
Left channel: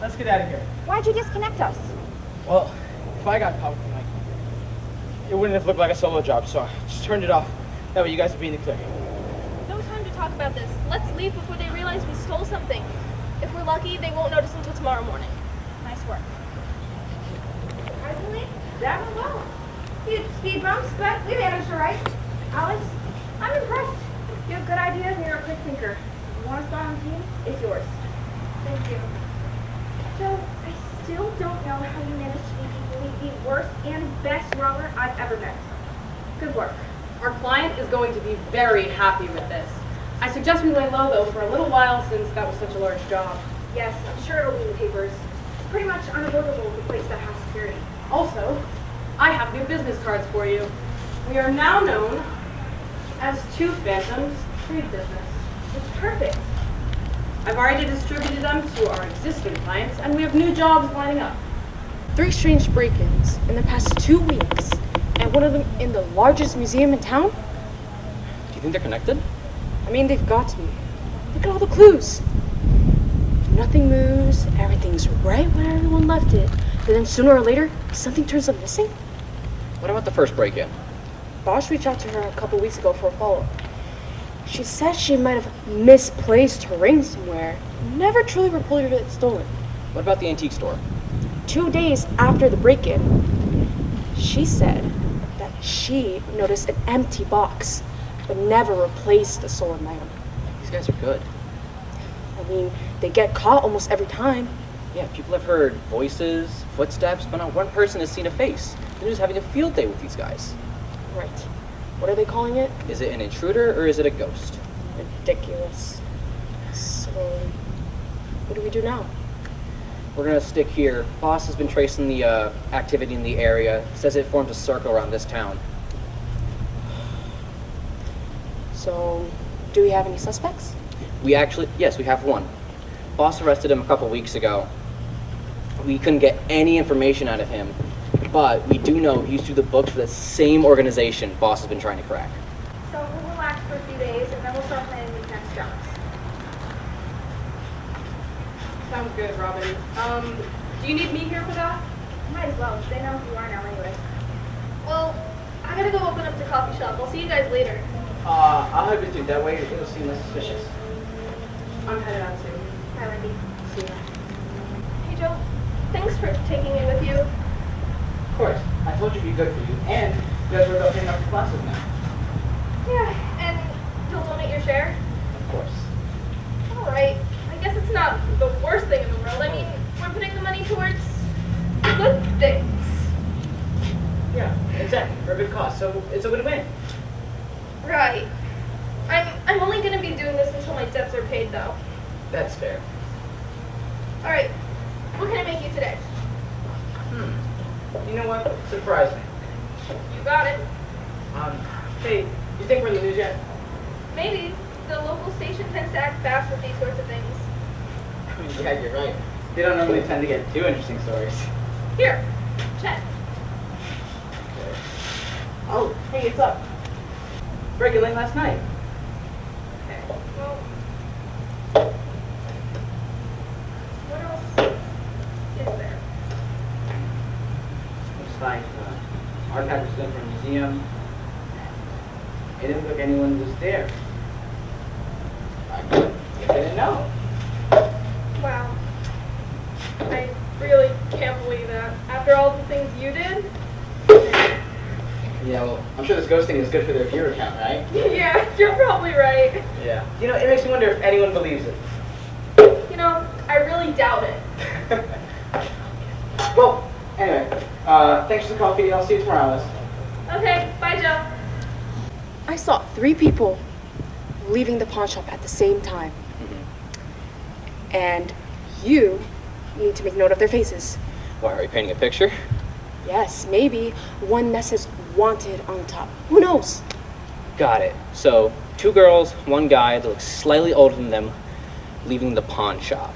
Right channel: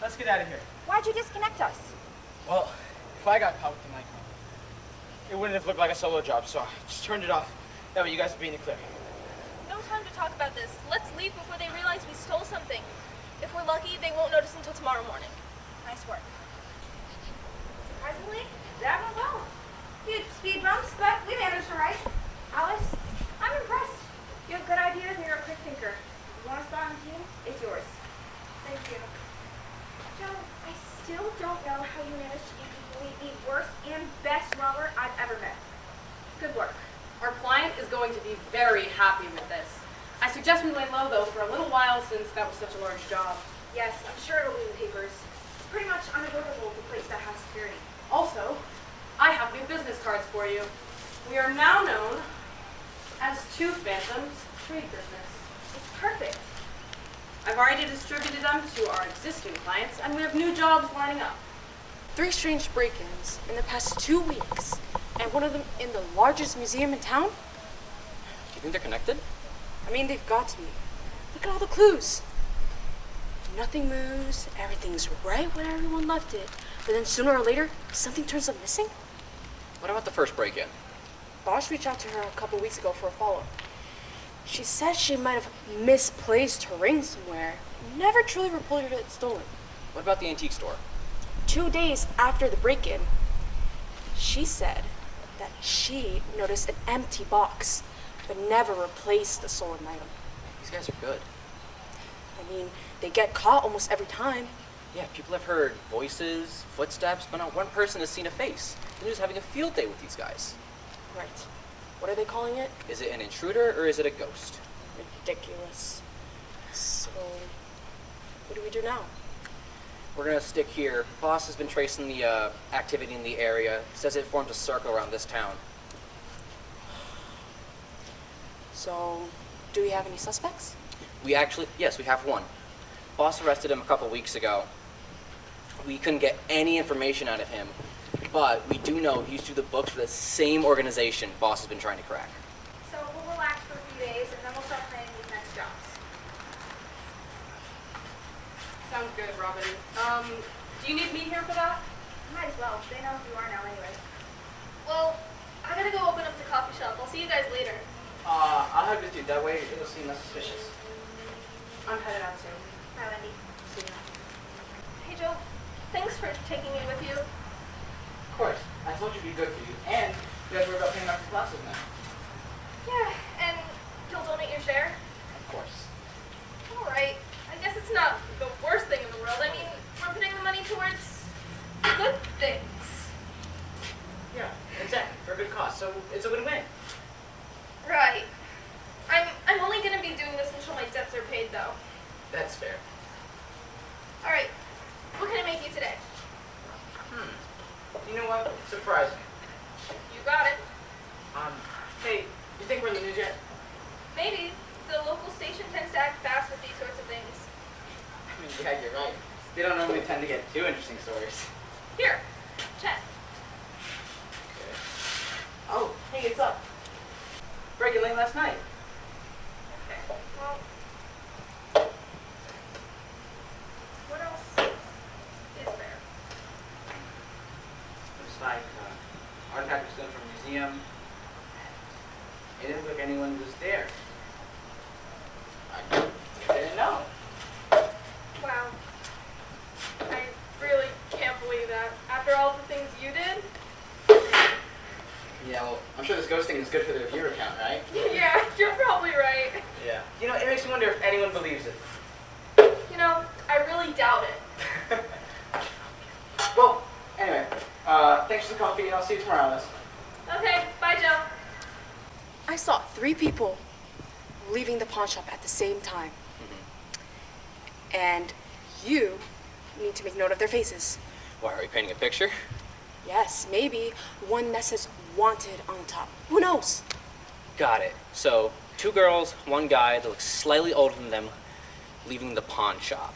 Let's get out of here. Why'd you disconnect us? Well, if I got caught with the mic, it wouldn't have looked like a solo job, so I just turned it off. That way you guys would be in the clear. No time to talk about this. Let's leave before they realize we stole something. If we're lucky, they won't notice until tomorrow morning. Nice work. Surprisingly, that went well. Huge speed bumps, but we managed all right. Alice, I'm impressed. You have good ideas and you're a quick thinker. If you want to start on the team, it's yours. Thank you. Joe, I still don't know how you managed to be equally the worst and best robber I've ever met. Good work. Our client is going to be very happy with this. I suggest we lay low, though, for a little while since that was such a large job. Yes, I'm sure it'll be in the papers. It's pretty much unavoidable with a place that has security. Also, I have new business cards for you. We are now known as Two Phantoms Trade Business. It's perfect. I've already distributed them to our existing clients, and we have new jobs lining up. 3 strange break-ins in the past 2 weeks, and one of them in the largest museum in town? Do you think they're connected? I mean, they've got to be. Look at all the clues. Nothing moves, everything's right where everyone left it. But then sooner or later, something turns up missing. What about the first break-in? Bosch reached out to her a couple weeks ago for a follow-up. She said she might have misplaced her ring somewhere. Never truly reported it stolen. What about the antique store? 2 days after the break-in, she said that she noticed an empty box, but never replaced a stolen item. These guys are good. I mean, they get caught almost every time. Yeah, people have heard voices, footsteps, but not one person has seen a face. They're just having a field day with these guys. Right. What are they calling it? Is it an intruder or is it a ghost? Ridiculous. So, what do we do now? We're gonna stick here. Boss has been tracing the activity in the area. Says it formed a circle around this town. So, do we have any suspects? Yes, we have one. Boss arrested him a couple weeks ago. We couldn't get any information out of him, but we do know he used to do the books for the same organization Boss has been trying to crack. So we'll relax for a few days and then we'll start planning these next jobs. Sounds good, Robin. Do you need me here for that? Might as well. They know who you are now anyway. Well, I gotta go open up the coffee shop. I'll see you guys later. I'll help you do that way. It'll seem less suspicious. I'm headed out too. Bye, Wendy. See ya. Hey, Joe. Thanks for taking me with you. Of course. I told you it'd be good for you. And you guys were about paying off the classes now. Yeah, and you'll donate your share? Of course. Alright. I guess it's not the worst thing in the world. I mean, we're putting the money towards good things. Yeah, exactly. For a good cause. So it's a win-win. Right. I'm only gonna be doing this until my debts are paid, though. That's fair. Alright. What can I make you today? You know what? Surprise me. You got it. Hey, you think we're in the news yet? Maybe. The local station tends to act fast with these sorts of things. I mean, yeah, you're right. They don't normally tend to get too interesting stories. Here. Check. Oh, hey, it's up. Breaking late last night. Okay. Well, what else is there? Looks like artifacts was from a museum. It didn't look like anyone was there. I guess they didn't know. Wow. I really can't believe that. After all the things you did? Yeah, well, I'm sure this ghost thing is good for their viewer count, right? Yeah, you're probably right. Yeah. You know, it makes me wonder if anyone believes it. You know, I really doubt it. Well, anyway, thanks for the coffee. I'll see you tomorrow, Alice. Okay, bye, Joe. I saw 3 people leaving the pawn shop at the same time. And you need to make note of their faces. Why, are we painting a picture? Yes, maybe one that says wanted on top. Who knows? Got it. So, 2 girls, 1 guy that looks slightly older than them, leaving the pawn shop.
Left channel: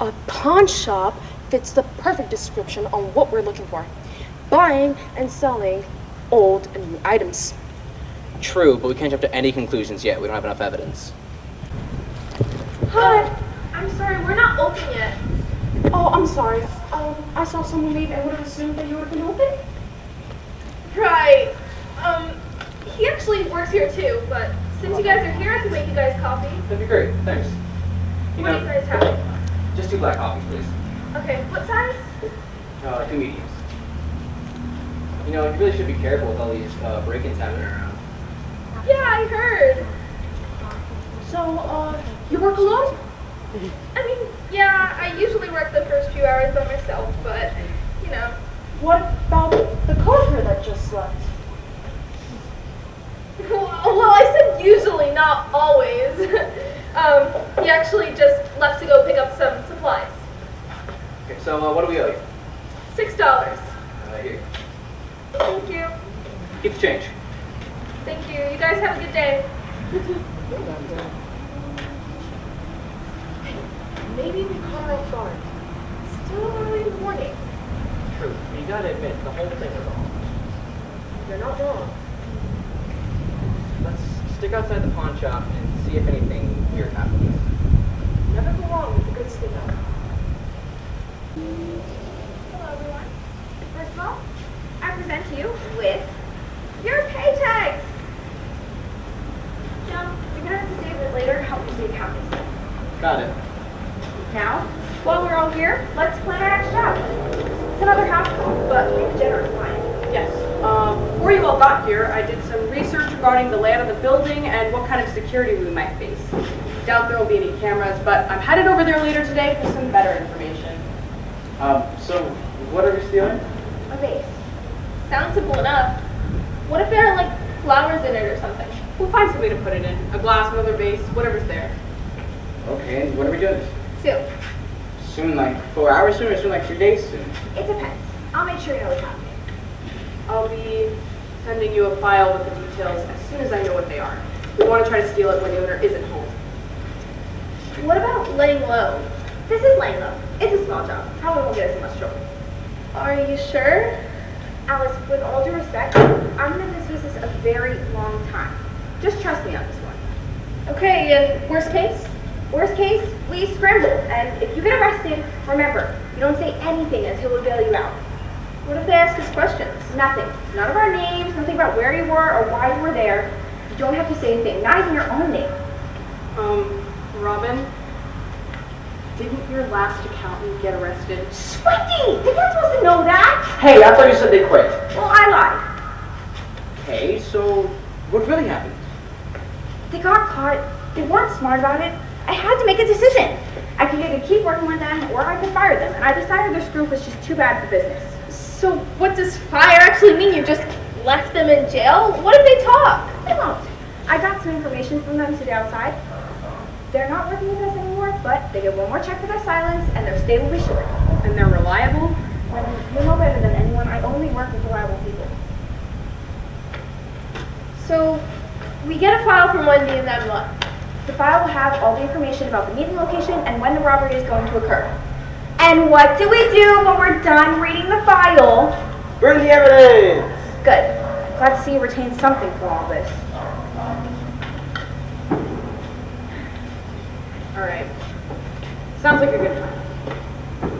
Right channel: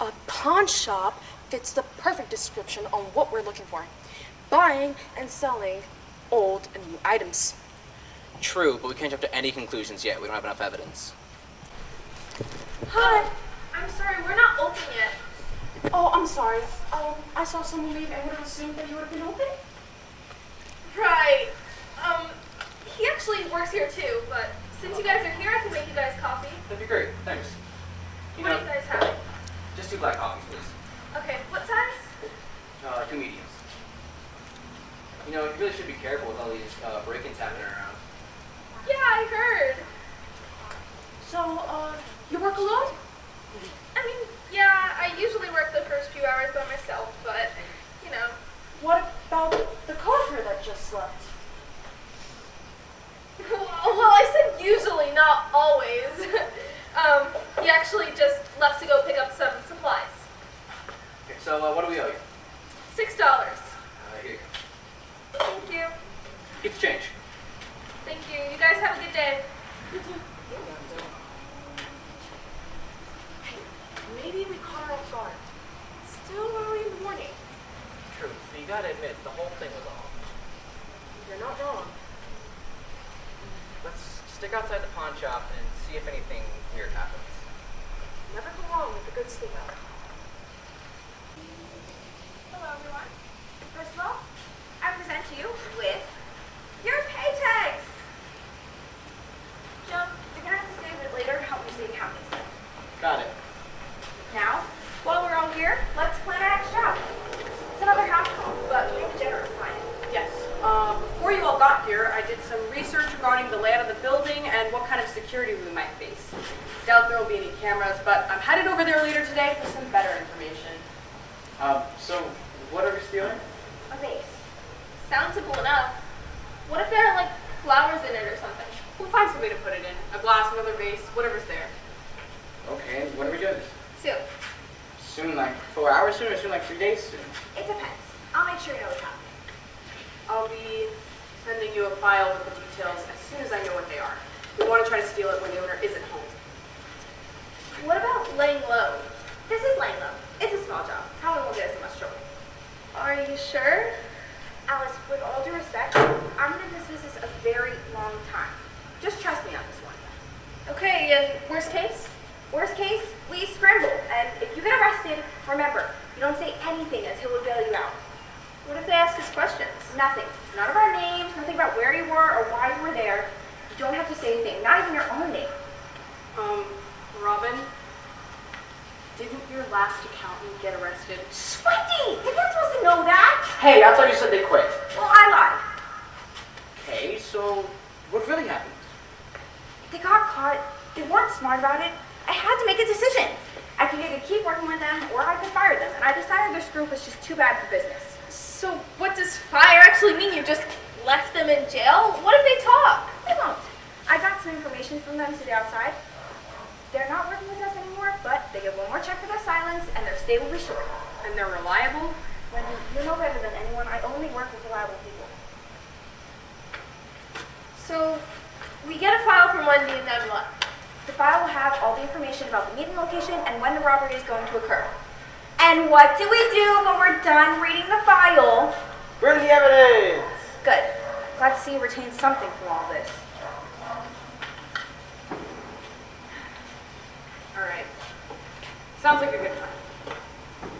A pawn shop fits the perfect description on what we're looking for. Buying and selling old and new items. True, but we can't jump to any conclusions yet. We don't have enough evidence. Hi. I'm sorry, we're not open yet. Oh, I'm sorry. I saw someone leave and would have assumed that you would have been open. Right. He actually works here too, but since you guys are here, I can make you guys coffee. That'd be great. Thanks. What do you guys have? Just 2 black coffees, please. Okay, what size? 2 mediums. You know, you really should be careful with all these break-ins happening around. Yeah, I heard. So, you work alone? I mean, yeah, I usually work the first few hours by myself, but, you know. What about the coworker that just left? Well, I said usually, not always. He actually just left to go pick up some supplies. Okay, so what do we owe you? $6. Here. Thank you. Keep the change. Thank you. You guys have a good day. Maybe we caught her off guard. Still early in the morning. True. You gotta admit, the whole thing was off. You're not wrong. Let's stick outside the pawn shop and see if anything weird happens. Never go wrong with a good stick up. Hello, everyone. First of all, I present you with your pay tags. Joe, you're gonna have to save it later. Help me see accounting. Got it. Now, while we're all here, let's plan our next job. It's another house call, but make a generous client. Yes. Before you all got here, I did some research regarding the layout of the building and what kind of security we might face. Doubt there will be any cameras, but I'm headed over there later today for some better information. So what are we stealing? A vase. Sounds simple enough. What if there are, like, flowers in it or something? We'll find some way to put it in. A glass, another vase, whatever's there. Okay, and when are we doing this? Soon. Soon, like 4 hours soon, or soon, like 3 days soon? It depends. I'll make sure you know what's happening. I'll be sending you a file with the details as soon as I know what they are. We want to try to steal it when the owner isn't home. What about laying low? This is laying low. It's a small job. Probably won't get us in much trouble. Are you sure? Alice, with all due respect, I'm in this business a very long time. Just trust me on this one. Okay, and worst case? Worst case, we scramble. And if you get arrested, remember, you don't say anything until we bail you out. What if they ask us questions? Nothing. None of our names, nothing about where you were or why you were there. You don't have to say anything, not even your own name. Robin, didn't your last accountant get arrested? Wendy! You're not supposed to know that! Hey, I thought you said they quit. Well, I lied. Okay, so what really happened? They got caught. They weren't smart about it. I had to make a decision. I could either keep working with them or I could fire them. And I decided this group was just too bad for business. So what does fire actually mean? You just left them in jail? What if they talk? They won't. I got some information from them today outside. They're not working with us anymore, but they get one more check for their silence and their stay will be short. And they're reliable? When you know better than anyone, I only work with reliable people. So we get a file from Wendy and then what? The file will have all the information about the meeting location and when the robbery is going to occur. And what do we do when we're done reading the file? Burn the evidence! Good. Glad to see you retain something from all this. Alright. Sounds like a good plan.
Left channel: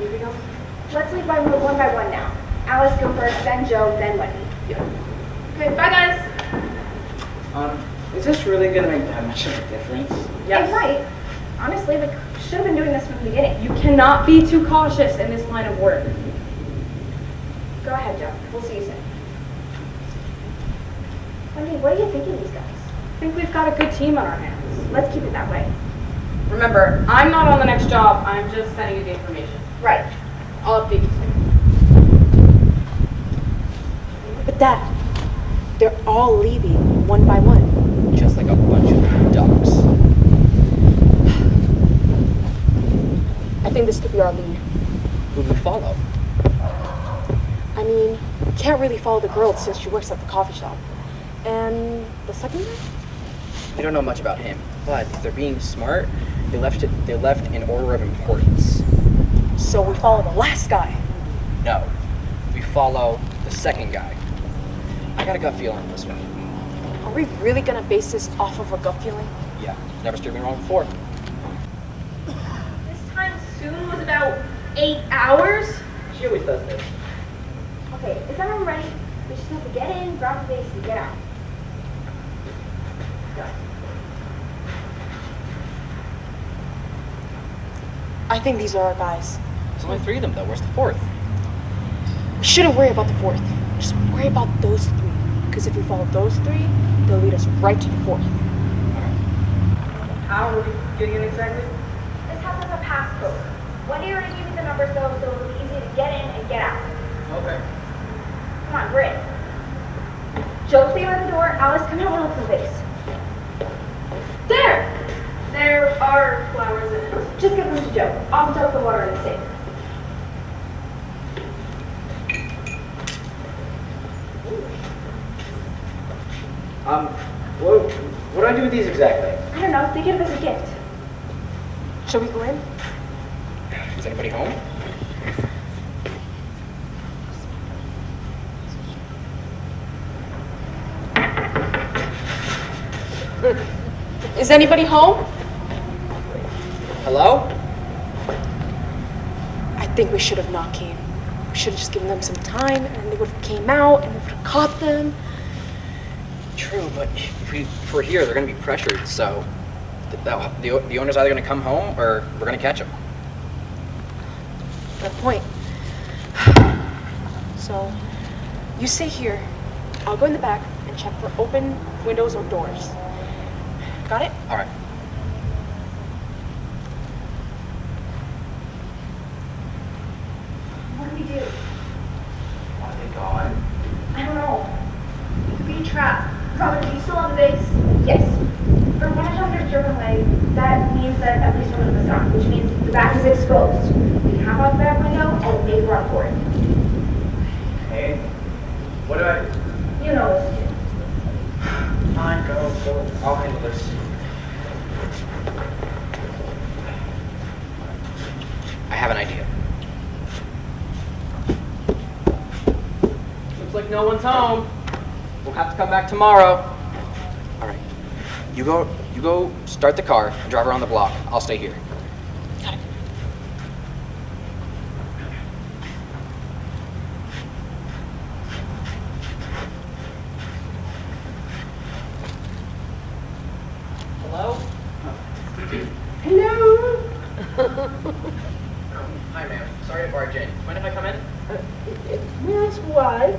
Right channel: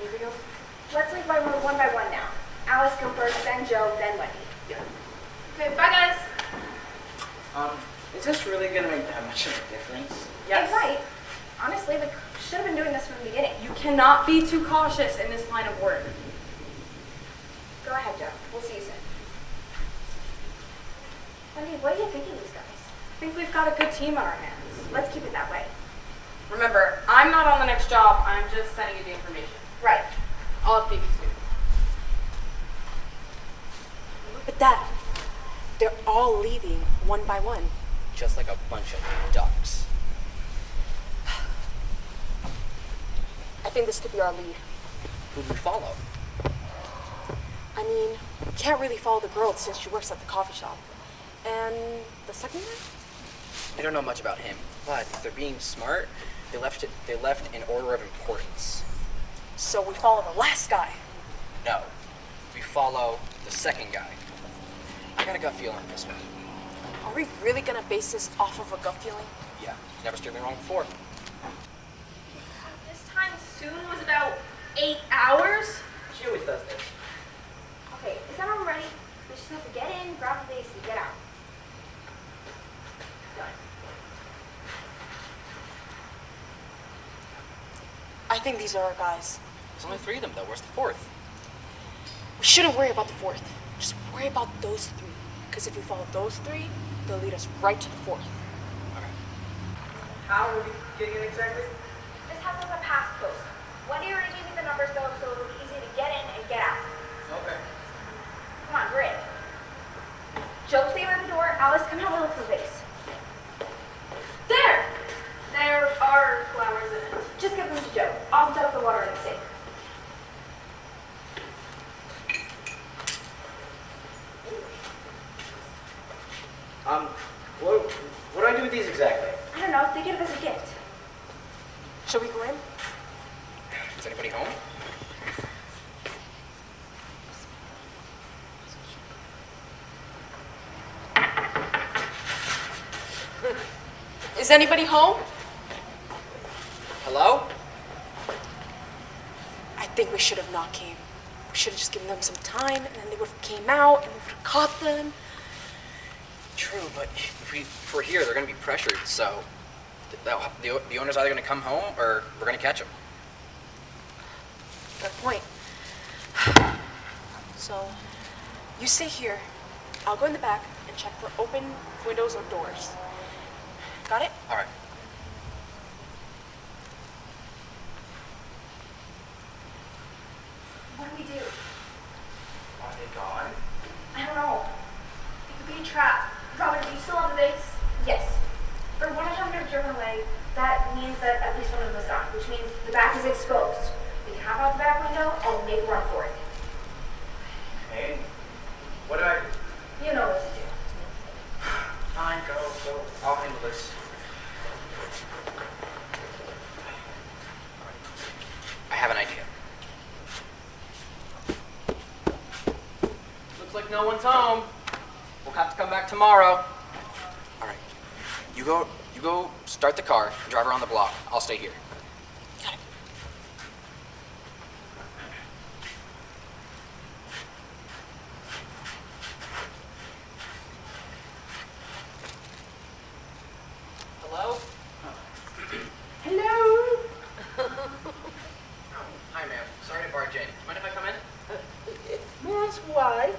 Anything else? Let's leave one by one now. Alice go first, then Joe, then Wendy. Yeah. Okay, bye guys. Is this really gonna make that much of a difference? It might. Honestly, we should have been doing this from the beginning. You cannot be too cautious in this line of work. Go ahead, Joe. We'll see you soon. Wendy, what are you thinking of these guys? I think we've got a good team on our hands. Let's keep it that way. Remember, I'm not on the next job. I'm just sending you the information. Right. I'll update you soon. But Dad, they're all leaving one by one. Just like a bunch of ducks. I think this could be our lead. Who would we follow? I mean, we can't really follow the girl since she works at the coffee shop. And the second guy? We don't know much about him, but if they're being smart, they left in order of importance. So we follow the last guy. No, we follow the second guy. I got a gut feeling on this one. Are we really gonna base this off of a gut feeling? Yeah, never steered me wrong before. This time soon was about 8 hours? She always does this. Okay, is that all ready? We just have to get in, grab the base, and get out. Go. I think these are our guys. There's only 3 of them though. Where's the 4th? We shouldn't worry about the 4th. Just worry about those 3. Because if we follow those 3, they'll lead us right to the 4th. How are we getting in exactly? This house has a passcode. Wendy already gave me the numbers though, so it'll be easy to get in and get out. Okay. Come on, we're in. Joe, stay by the door. Alice, come help me look for the base. There! There are flowers in it. Just give them to Joe. I'll dump the water in the sink. What do I do with these exactly? I don't know. They give it as a gift. Shall we go in? Is anybody home? Is anybody home? Hello? I think we should have not came. We should have just given them some time, and then they would have came out, and we would have caught them. True, but if we're here, they're going to be pressured, so the owner's either going to come home or we're going to catch them. Good point. So, you stay here. I'll go in the back and check for open windows or doors. Got it? All right. What do we do? Are they gone? I don't know. We could be trapped. Robert, are you still on the base? Yes. From what I have driven away, that means that at least one of them is gone, which means the back is exposed. We can hop out the back window and maybe run for it. Hey, what do I... You know what to do. Fine, go. I'll handle this. no one's home, we'll have to come back tomorrow. All right. You go start the car and drive around the block. I'll stay here. Got it. Hello? Hello? Hi, ma'am. Sorry to barge in. Mind if I come in? Yes, what?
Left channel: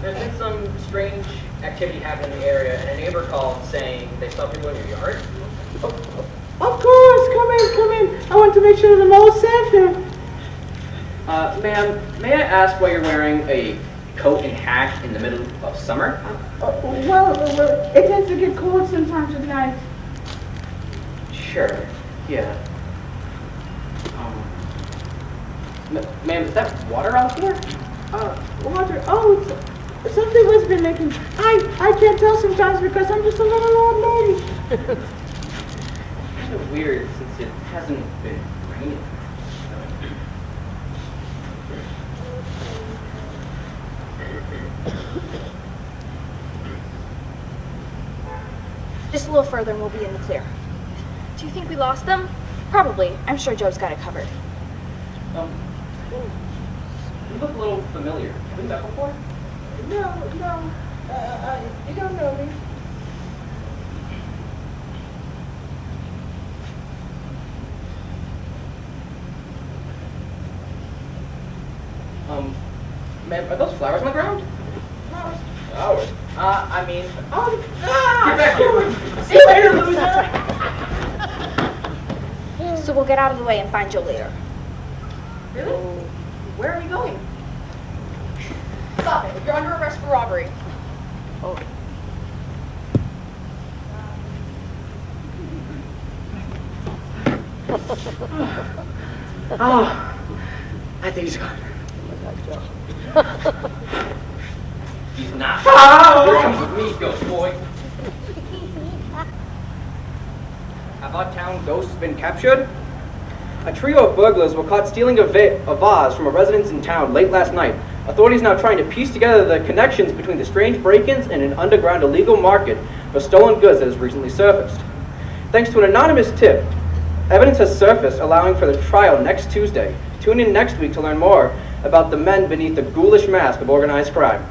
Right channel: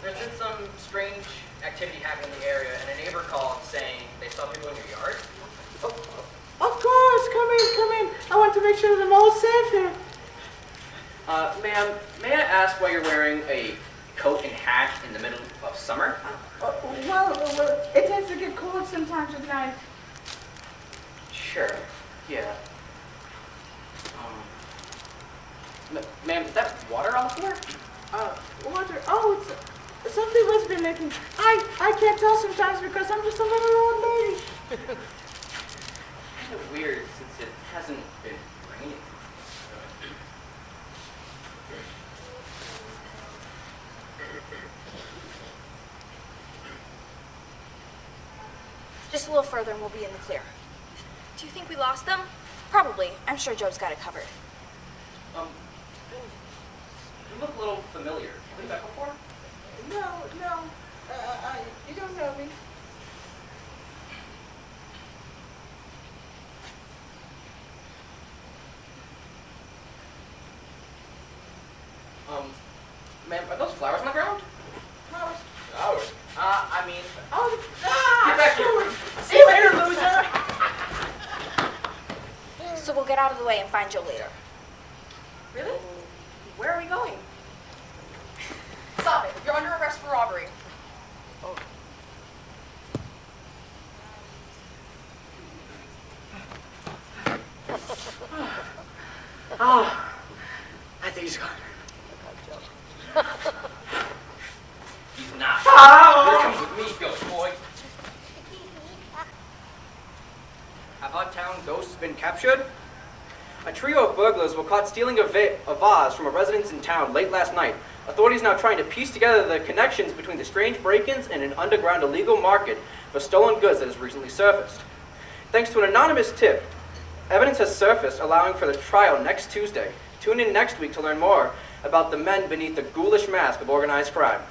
There's been some strange activity happening in the area, and a neighbor called saying they saw people in your yard. Of course, come in. I want to make sure the mall is safe here. Ma'am, may I ask why you're wearing a coat and hat in the middle of summer? Well, it tends to get cold sometimes at night. Sure, yeah. Ma'am, is that water on the floor? Water. Oh, something must be leaking. I can't tell sometimes because I'm just a little old lady. Kind of weird since it hasn't been raining. Just a little further and we'll be in the clear. Do you think we lost them? Probably. I'm sure Joe's got it covered. You look a little familiar. Have we met before? No. You don't know me. Ma'am, are those flowers on the ground? Flowers? I mean... Oh, Get back here! See you later, loser! So we'll get out of the way and find Joe later. Really? Where are we going? Stop it. You're under arrest for robbery. Oh, I think he's gone. He's not. Here comes with me, ghost boy. Have our town ghosts been captured? A trio of burglars were caught stealing a vase from a residence in town late last night. Authorities now trying to piece together the connections between the strange break-ins and an underground illegal market for stolen goods that has recently surfaced. Thanks to an anonymous tip, evidence has surfaced allowing for the trial next Tuesday. Tune in next week to learn more about the men beneath the ghoulish mask of organized crime.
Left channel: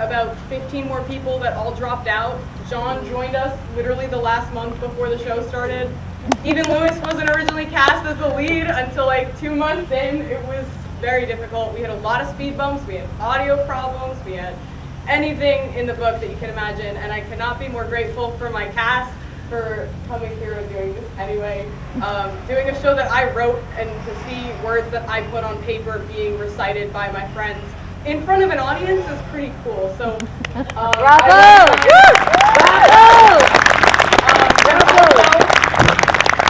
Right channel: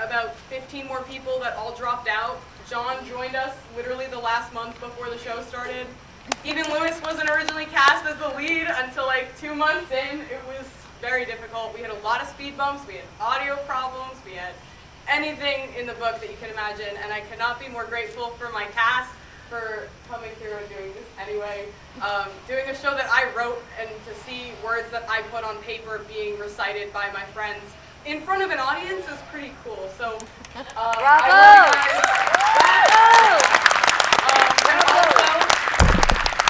about 15 more people that all dropped out. John joined us literally the last month before the show started. Even Lewis wasn't originally cast as the lead until like 2 months in. It was very difficult. We had a lot of speed bumps, we had audio problems, we had anything in the book that you can imagine, and I cannot be more grateful for my cast for coming here and doing this anyway. Doing a show that I wrote and to see words that I put on paper being recited by my friends in front of an audience is pretty cool. So, Bravo!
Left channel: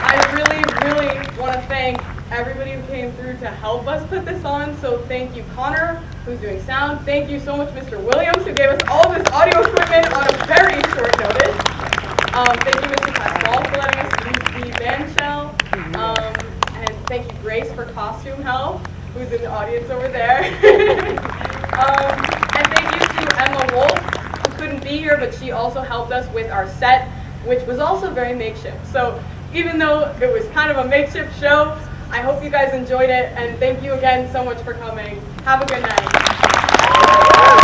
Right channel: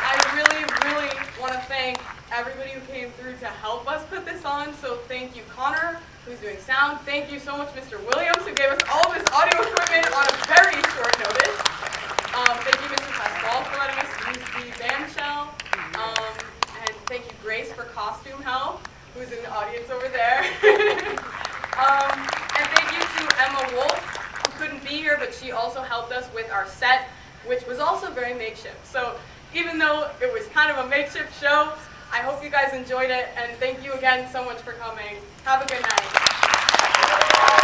I really want to thank everybody who came through to help us put this on. So thank you, Connor, who's doing sound. Thank you so much, Mr. Williams, who gave us all of this audio equipment on a very short notice. Thank you, Mr. Pascal, for letting us use the band shell. And thank you, Grace, for costume help, who's in the audience over there. And thank you to Emma Wolf, who couldn't be here, but she also helped us with our set, which was also very makeshift. So even though it was kind of a makeshift show, I hope you guys enjoyed it, and thank you again so much for coming. Have a good night.